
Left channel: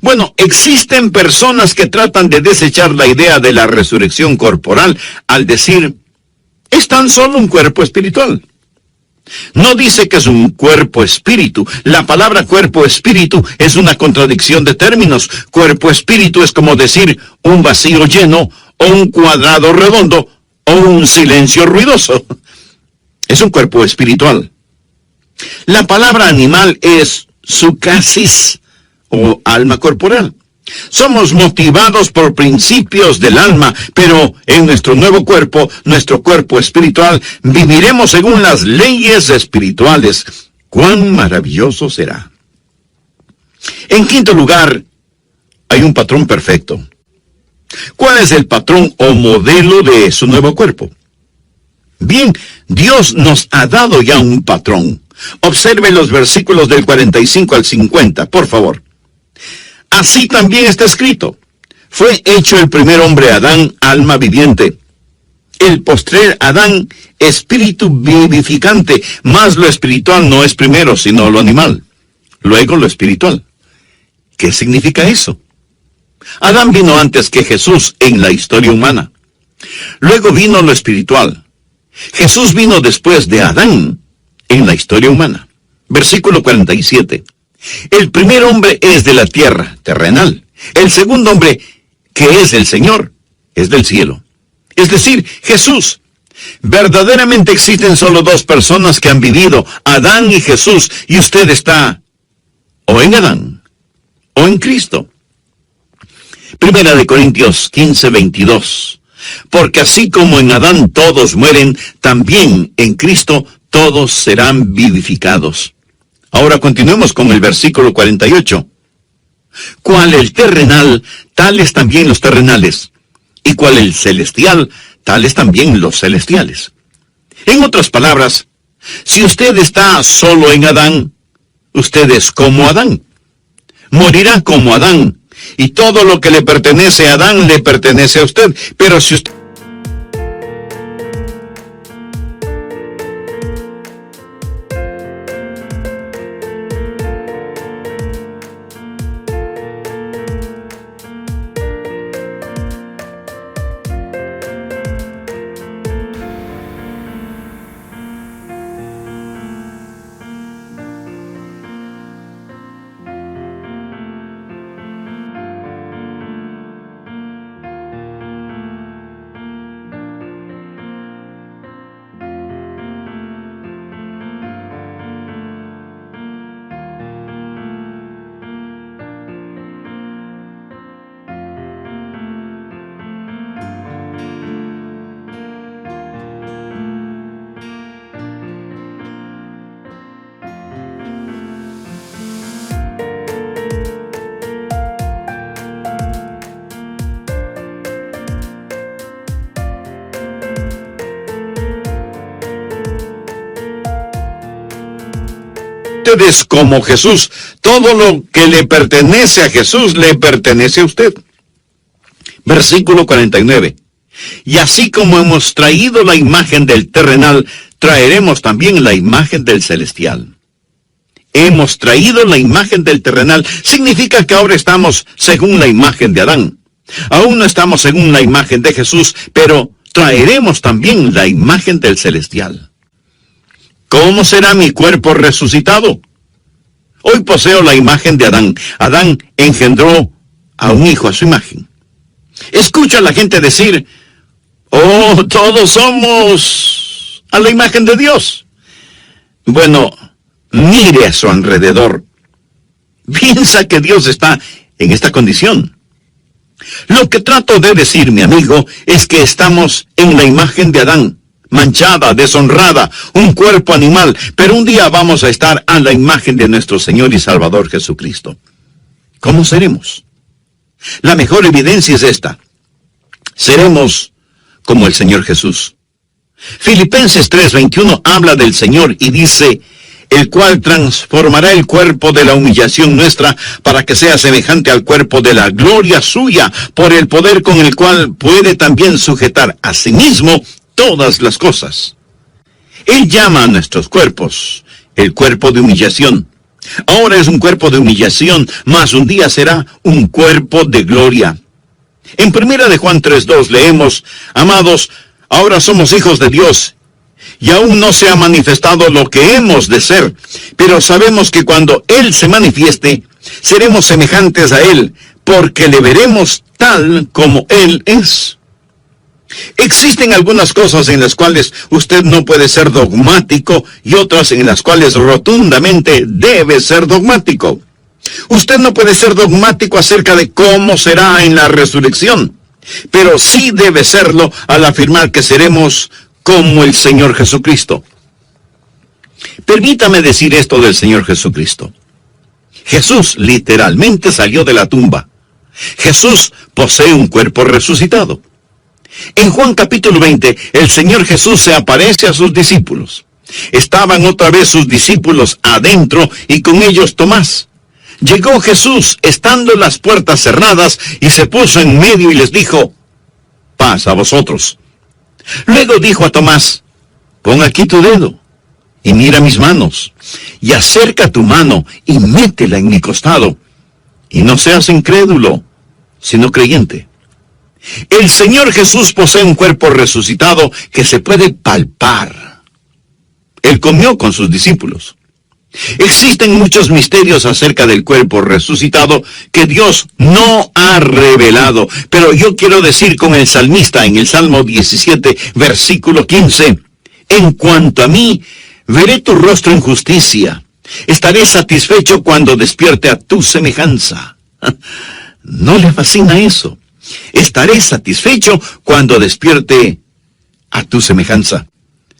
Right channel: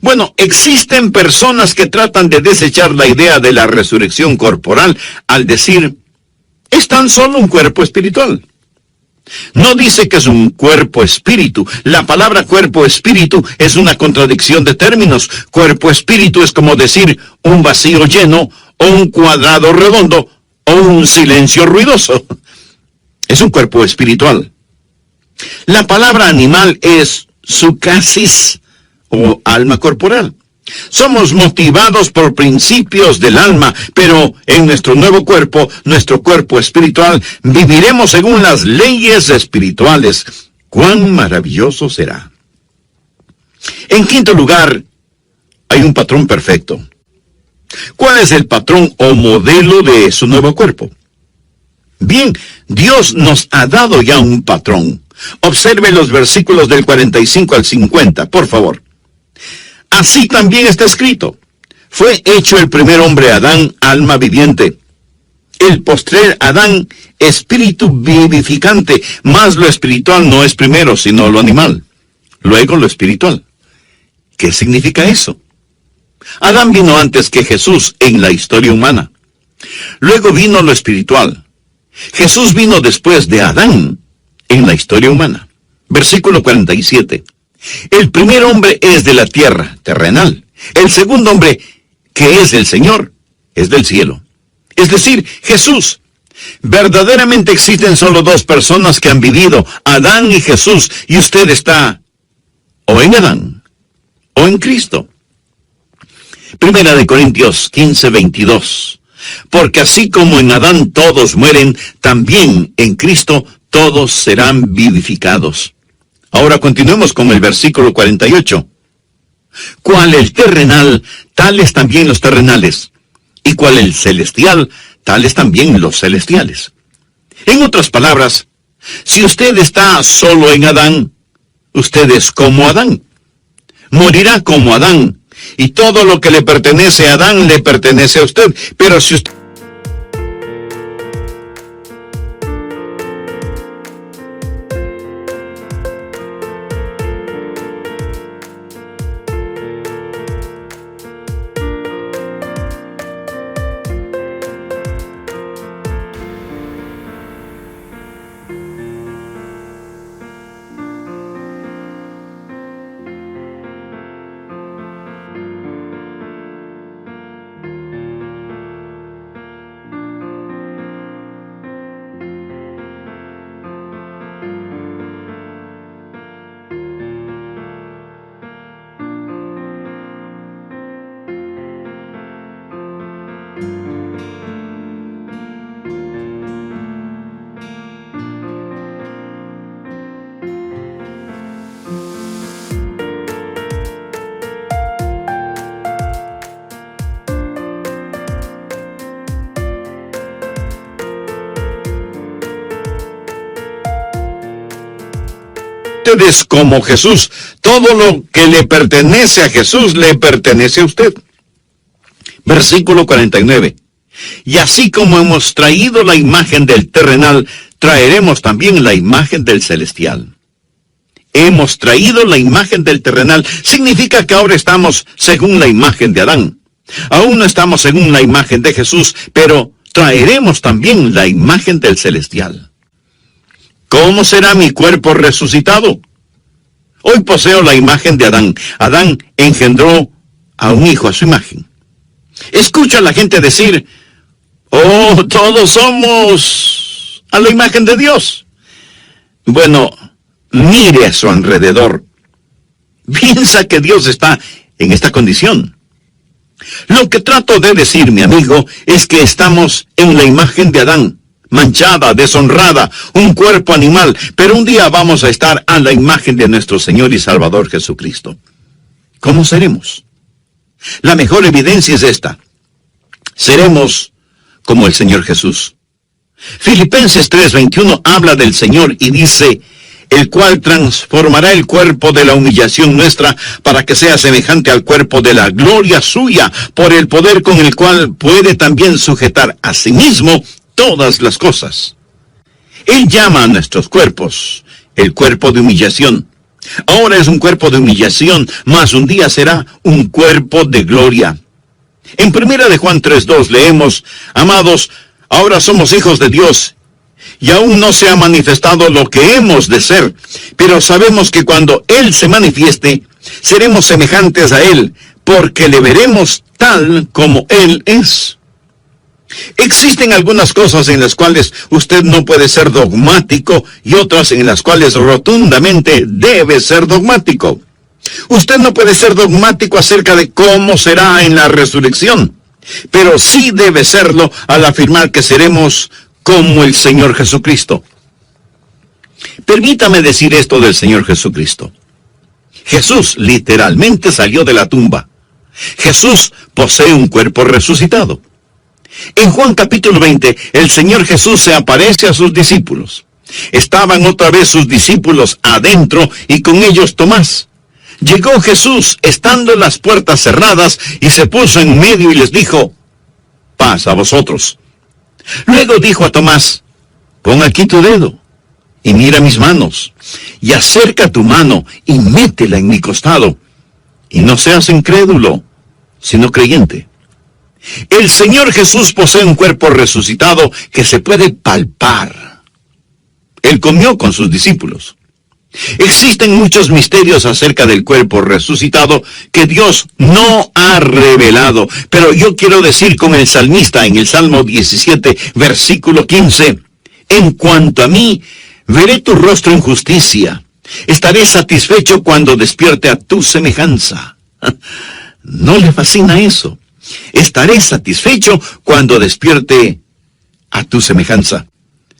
Bueno, existen personas que tratan de desechar la idea de la resurrección corporal al decir, es tan solo un cuerpo espiritual. No dice que es un cuerpo espíritu. La palabra cuerpo espíritu es una contradicción de términos. Cuerpo espíritu es como decir un vacío lleno, o un cuadrado redondo, o un silencio ruidoso. Es un cuerpo espiritual. La palabra animal es sucasis, o alma corporal. Somos motivados por principios del alma, pero en nuestro nuevo cuerpo, nuestro cuerpo espiritual, viviremos según las leyes espirituales. ¡Cuán maravilloso será! En quinto lugar, hay un patrón perfecto. ¿Cuál es el patrón o modelo de su nuevo cuerpo? Bien, Dios nos ha dado ya un patrón. Observe los versículos del 45 al 50, por favor. Así también está escrito. Fue hecho el primer hombre Adán, alma viviente. El postrer Adán, espíritu vivificante. Mas lo espiritual no es primero, sino lo animal. Luego lo espiritual. ¿Qué significa eso? Adán vino antes que Jesús en la historia humana. Luego vino lo espiritual. Jesús vino después de Adán en la historia humana. Versículo 47. El primer hombre es de la tierra, terrenal. El segundo hombre, que es el Señor, es del cielo. Es decir, Jesús. Verdaderamente existen solo dos personas que han vivido, Adán y Jesús, y usted está o en Adán o en Cristo. Primera de Corintios 15:22. Porque así como en Adán todos mueren, también en Cristo todos serán vivificados. Ahora continuemos con el versículo 48. Cual el terrenal, tales también los terrenales. Y cual el celestial, tales también los celestiales. En otras palabras, si usted está solo en Adán, usted es como Adán. Morirá como Adán. Y todo lo que le pertenece a Adán le pertenece a usted. Pero si usted ustedes como Jesús. Todo lo que le pertenece a Jesús le pertenece a usted. Versículo 49. Y así como hemos traído la imagen del terrenal, traeremos también la imagen del celestial. Hemos traído la imagen del terrenal. Significa que ahora estamos según la imagen de Adán. Aún no estamos según la imagen de Jesús, pero traeremos también la imagen del celestial. ¿Cómo será mi cuerpo resucitado? Hoy poseo la imagen de Adán. Adán engendró a un hijo a su imagen. Escucha a la gente decir, oh, todos somos a la imagen de Dios. Bueno, mire a su alrededor. Piensa que Dios está en esta condición. Lo que trato de decir, mi amigo, es que estamos en la imagen de Adán, manchada, deshonrada, un cuerpo animal, pero un día vamos a estar a la imagen de nuestro Señor y Salvador Jesucristo. ¿Cómo seremos? La mejor evidencia es esta. Seremos como el Señor Jesús. Filipenses 3:21 habla del Señor y dice, el cual transformará el cuerpo de la humillación nuestra para que sea semejante al cuerpo de la gloria suya, por el poder con el cual puede también sujetar a sí mismo todas las cosas. Él llama a nuestros cuerpos el cuerpo de humillación. Ahora es un cuerpo de humillación, mas un día será un cuerpo de gloria. En 1 de Juan 3:2 leemos, amados, ahora somos hijos de Dios, y aún no se ha manifestado lo que hemos de ser, pero sabemos que cuando Él se manifieste, seremos semejantes a Él, porque le veremos tal como Él es. Existen algunas cosas en las cuales usted no puede ser dogmático y otras en las cuales rotundamente debe ser dogmático. Usted no puede ser dogmático acerca de cómo será en la resurrección, pero sí debe serlo al afirmar que seremos como el Señor Jesucristo. Permítame decir esto del Señor Jesucristo. Jesús literalmente salió de la tumba. Jesús posee un cuerpo resucitado. En Juan capítulo 20, el Señor Jesús se aparece a sus discípulos. Estaban otra vez sus discípulos adentro y con ellos Tomás. Llegó Jesús estando las puertas cerradas y se puso en medio y les dijo, paz a vosotros. Luego dijo a Tomás, pon aquí tu dedo y mira mis manos, y acerca tu mano y métela en mi costado, y no seas incrédulo, sino creyente. El Señor Jesús posee un cuerpo resucitado que se puede palpar. Él comió con sus discípulos. Existen muchos misterios acerca del cuerpo resucitado que Dios no ha revelado, pero yo quiero decir con el salmista en el Salmo 17, versículo 15, en cuanto a mí, veré tu rostro en justicia, estaré satisfecho cuando despierte a tu semejanza. ¿No le fascina eso? Estaré satisfecho cuando despierte a tu semejanza.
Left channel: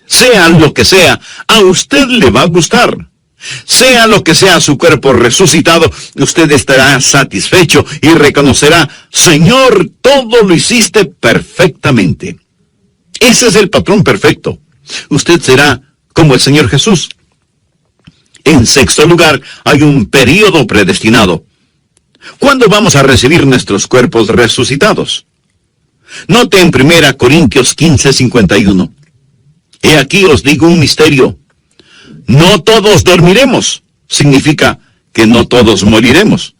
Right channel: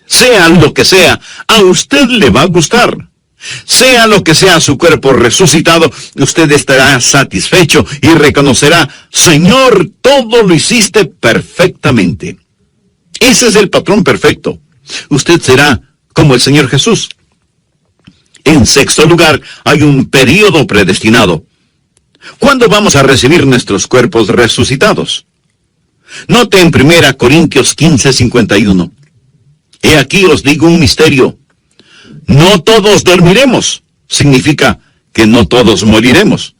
Sea lo que sea, a usted le va a gustar. Sea lo que sea su cuerpo resucitado, usted estará satisfecho y reconocerá, Señor, todo lo hiciste perfectamente. Ese es el patrón perfecto. Usted será como el Señor Jesús. En sexto lugar, hay un período predestinado. ¿Cuándo vamos a recibir nuestros cuerpos resucitados? Note en 1 Corintios 15:51. He aquí os digo un misterio. No todos dormiremos, significa que no todos moriremos,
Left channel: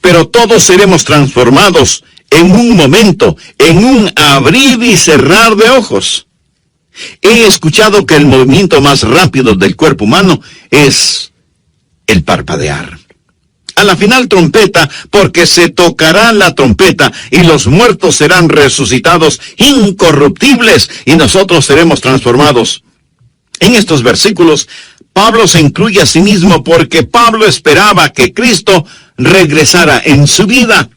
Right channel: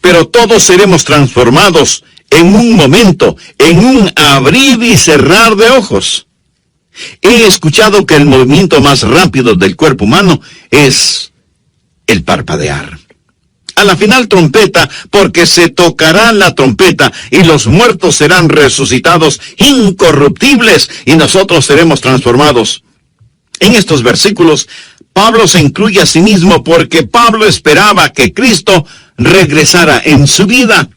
pero todos seremos transformados en un momento, en un abrir y cerrar de ojos. He escuchado que el movimiento más rápido del cuerpo humano es el parpadear. A la final trompeta, porque se tocará la trompeta y los muertos serán resucitados incorruptibles y nosotros seremos transformados. En estos versículos, Pablo se incluye a sí mismo porque Pablo esperaba que Cristo regresara en su vida.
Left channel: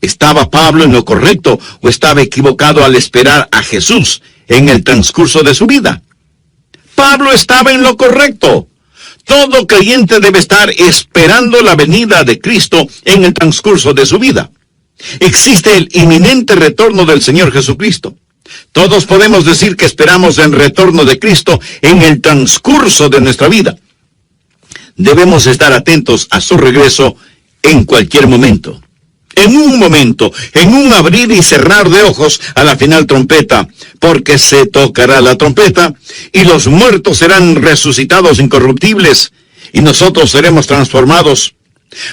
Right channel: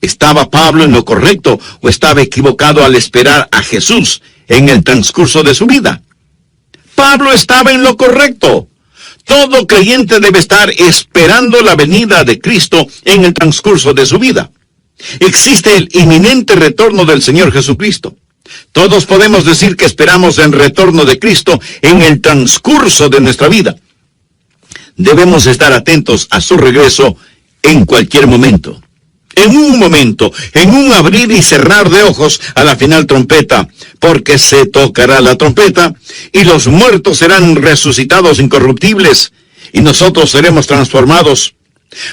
¿Estaba Pablo en lo correcto o estaba equivocado al esperar a Jesús en el transcurso de su vida? Pablo estaba en lo correcto. Todo creyente debe estar esperando la venida de Cristo en el transcurso de su vida. Existe el inminente retorno del Señor Jesucristo. Todos podemos decir que esperamos el retorno de Cristo en el transcurso de nuestra vida. debemos estar atentos a su regreso en cualquier momento. En un momento, en un abrir y cerrar de ojos a la final trompeta, porque se tocará la trompeta y los muertos serán resucitados incorruptibles y nosotros seremos transformados.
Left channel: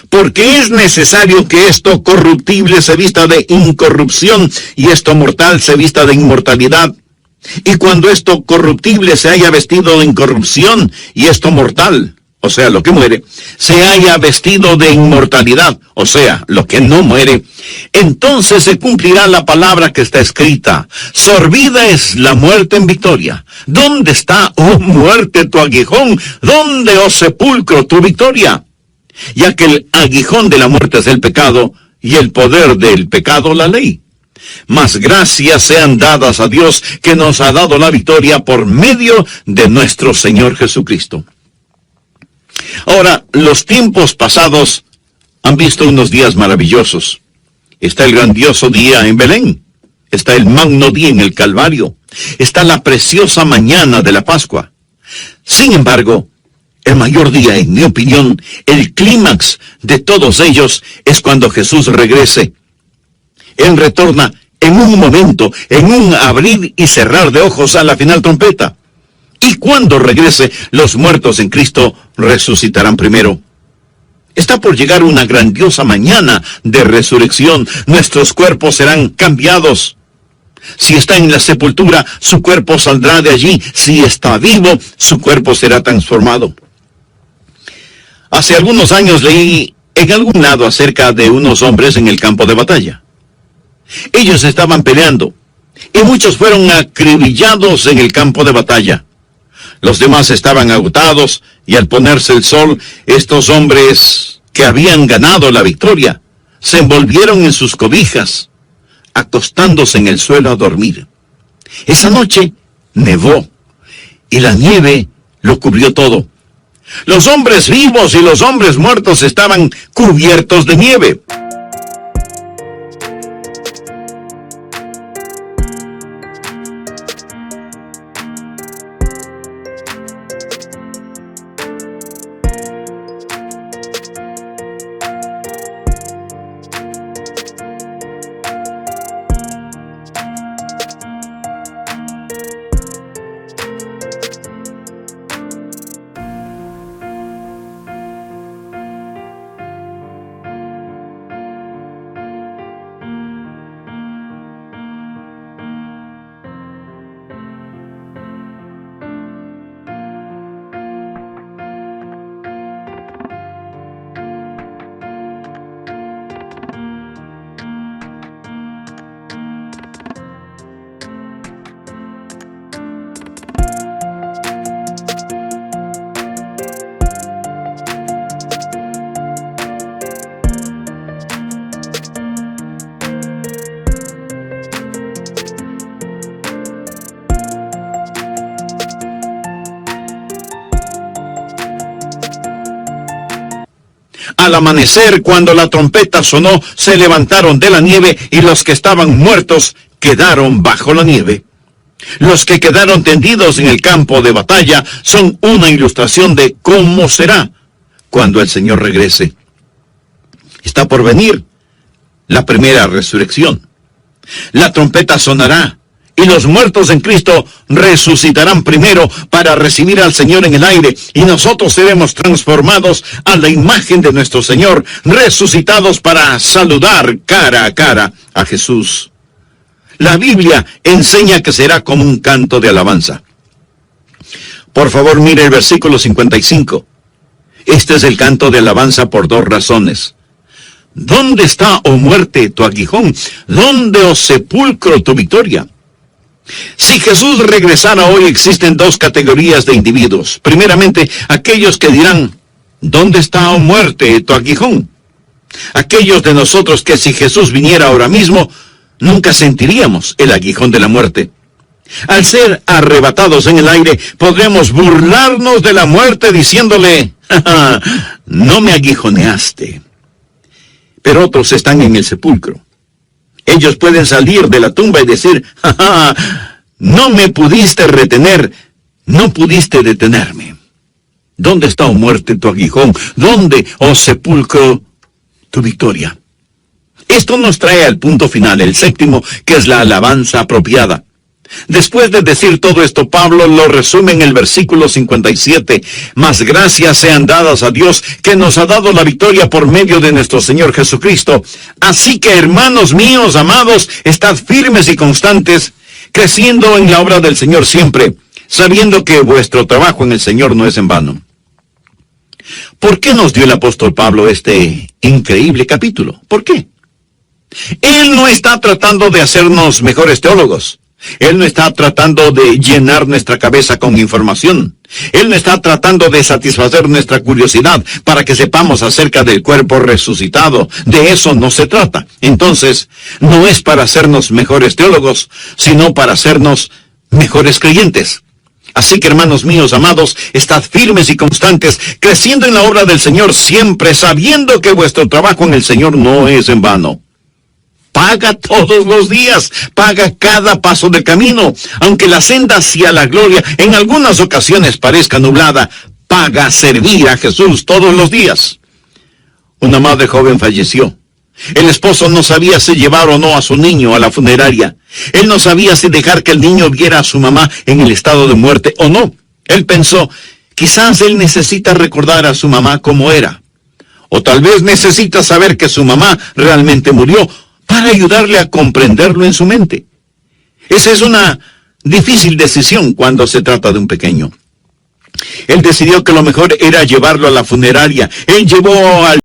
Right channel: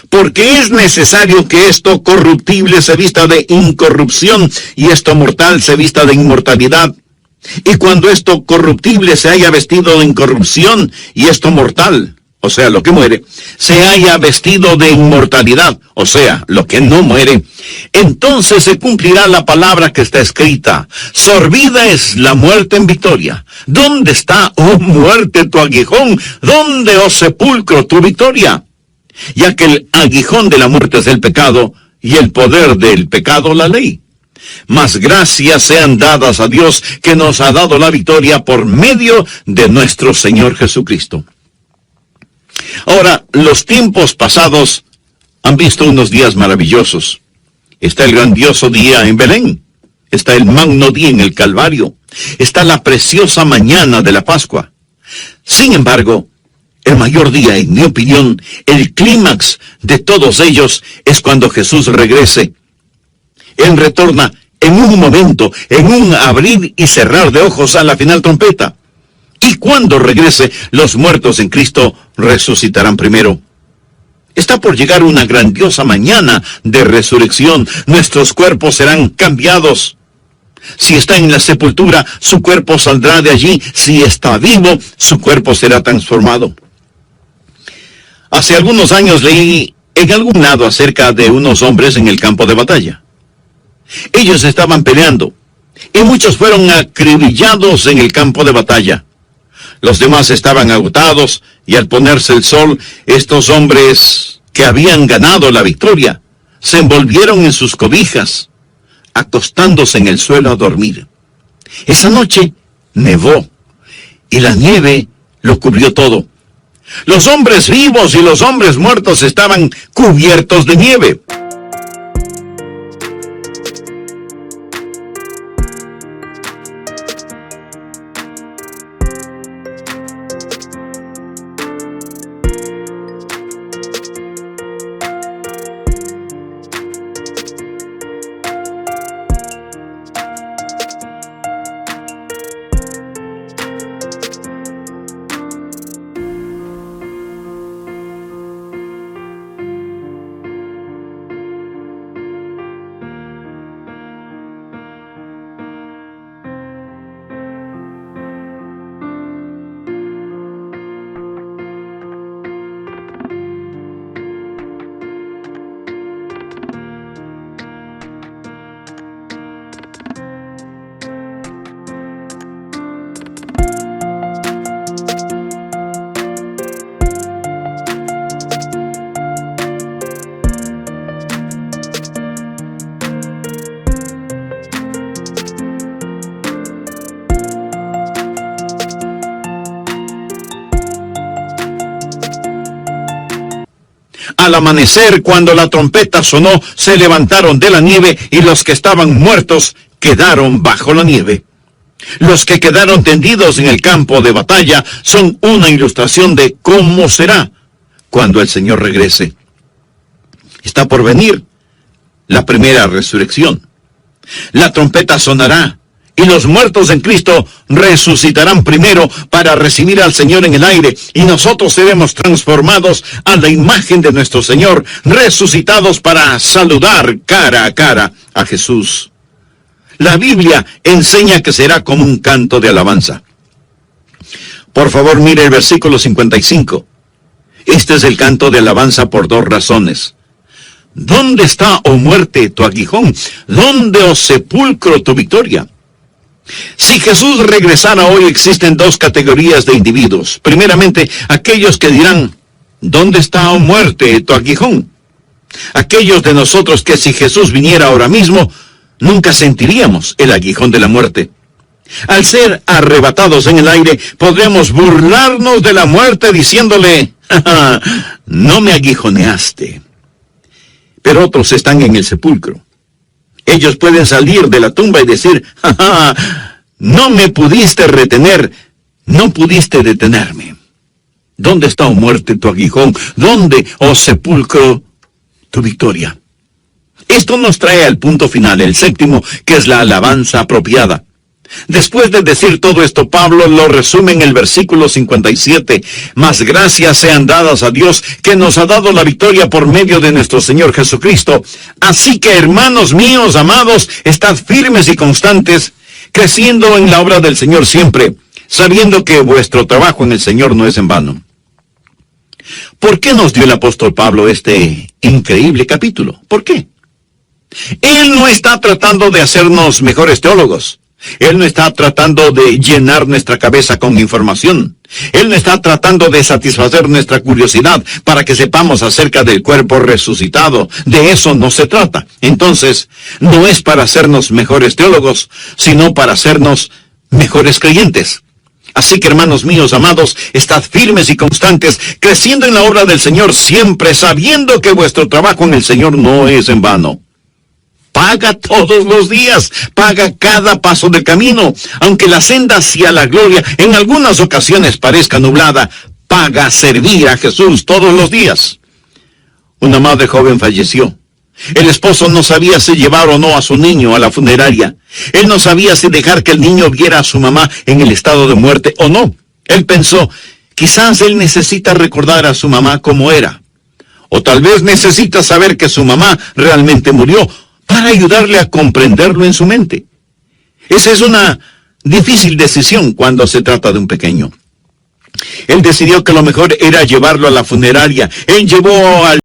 Porque es necesario que esto corruptible se vista de incorrupción y esto mortal se vista de inmortalidad. Y cuando esto corruptible se haya vestido de incorrupción y esto mortal, o sea, lo que muere, se haya vestido de inmortalidad, o sea, lo que no muere, entonces se cumplirá la palabra que está escrita: sorbida es la muerte en victoria. ¿Dónde está, oh muerte, tu aguijón? ¿Dónde, oh sepulcro, tu victoria? Ya que el aguijón de la muerte es el pecado, y el poder del pecado la ley. Mas gracias sean dadas a Dios, que nos ha dado la victoria por medio de nuestro Señor Jesucristo. Ahora, los tiempos pasados han visto unos días maravillosos. Está el grandioso día en Belén. Está el magno día en el Calvario. Está la preciosa mañana de la Pascua. Sin embargo, el mayor día, en mi opinión, el clímax de todos ellos, es cuando Jesús regrese. Él retorna en un momento, en un abrir y cerrar de ojos a la final trompeta. Y cuando regrese, los muertos en Cristo resucitarán primero. Está por llegar una grandiosa mañana de resurrección. Nuestros cuerpos serán cambiados. Si está en la sepultura, su cuerpo saldrá de allí. Si está vivo, su cuerpo será transformado. Hace algunos años leí en algún lado acerca de unos hombres en el campo de batalla. Ellos estaban peleando, y muchos fueron acribillados en el campo de batalla. Los demás estaban agotados, y al ponerse el sol, estos hombres que habían ganado la victoria, se envolvieron en sus cobijas, acostándose en el suelo a dormir. Esa noche nevó, y la nieve lo cubrió todo. Los hombres vivos y los hombres muertos estaban cubiertos de nieve. Al amanecer, cuando la trompeta sonó, se levantaron de la nieve y los que estaban muertos quedaron bajo la nieve. Los que quedaron tendidos en el campo de batalla son una ilustración de cómo será cuando el Señor regrese. Está por venir la primera resurrección. La trompeta sonará y los muertos en Cristo resucitarán primero para recibir al Señor en el aire, y nosotros seremos transformados a la imagen de nuestro Señor, resucitados para saludar cara a cara a Jesús. La Biblia enseña que será como un canto de alabanza. Por favor, mire el versículo 55. Este es el canto de alabanza por dos razones. ¿Dónde está, oh muerte, tu aguijón? ¿Dónde, oh sepulcro, tu victoria? Si Jesús regresara hoy, existen dos categorías de individuos. Primeramente, aquellos que dirán: ¿dónde está, oh muerte, tu aguijón? Aquellos de nosotros que, si Jesús viniera ahora mismo, nunca sentiríamos el aguijón de la muerte. Al ser arrebatados en el aire, podremos burlarnos de la muerte diciéndole: ¡ja, ja! No me aguijoneaste. Pero otros están en el sepulcro. Ellos pueden salir de la tumba y decir: ¡ja, ja! No me pudiste retener, no pudiste detenerme. ¿Dónde está, oh muerte, tu aguijón? ¿Dónde, oh sepulcro, tu victoria? Esto nos trae al punto final, el séptimo, que es la alabanza apropiada. Después de decir todo esto, Pablo lo resume en el versículo 57. Mas gracias sean dadas a Dios, que nos ha dado la victoria por medio de nuestro Señor Jesucristo. Así que, hermanos míos, amados, estad firmes y constantes, creciendo en la obra del Señor siempre, sabiendo que vuestro trabajo en el Señor no es en vano. ¿Por qué nos dio el apóstol Pablo este increíble capítulo? ¿Por qué? Él no está tratando de hacernos mejores teólogos. Él no está tratando de llenar nuestra cabeza con información. Él no está tratando de satisfacer nuestra curiosidad para que sepamos acerca del cuerpo resucitado. De eso no se trata. Entonces, no es para hacernos mejores teólogos, sino para hacernos mejores creyentes. Así que, hermanos míos, amados, estad firmes y constantes, creciendo en la obra del Señor siempre, sabiendo que vuestro trabajo en el Señor no es en vano. Paga todos los días, paga cada paso del camino. Aunque la senda hacia la gloria en algunas ocasiones parezca nublada, paga servir a Jesús todos los días. Una madre joven falleció. El esposo no sabía si llevar o no a su niño a la funeraria. Él no sabía si dejar que el niño viera a su mamá en el estado de muerte o no. Él pensó, quizás él necesita recordar a su mamá como era. O tal vez necesita saber que su mamá realmente murió, para ayudarle a comprenderlo en su mente. Esa es una difícil decisión cuando se trata de un pequeño. Él decidió que lo mejor era llevarlo a la funeraria. Él llevó al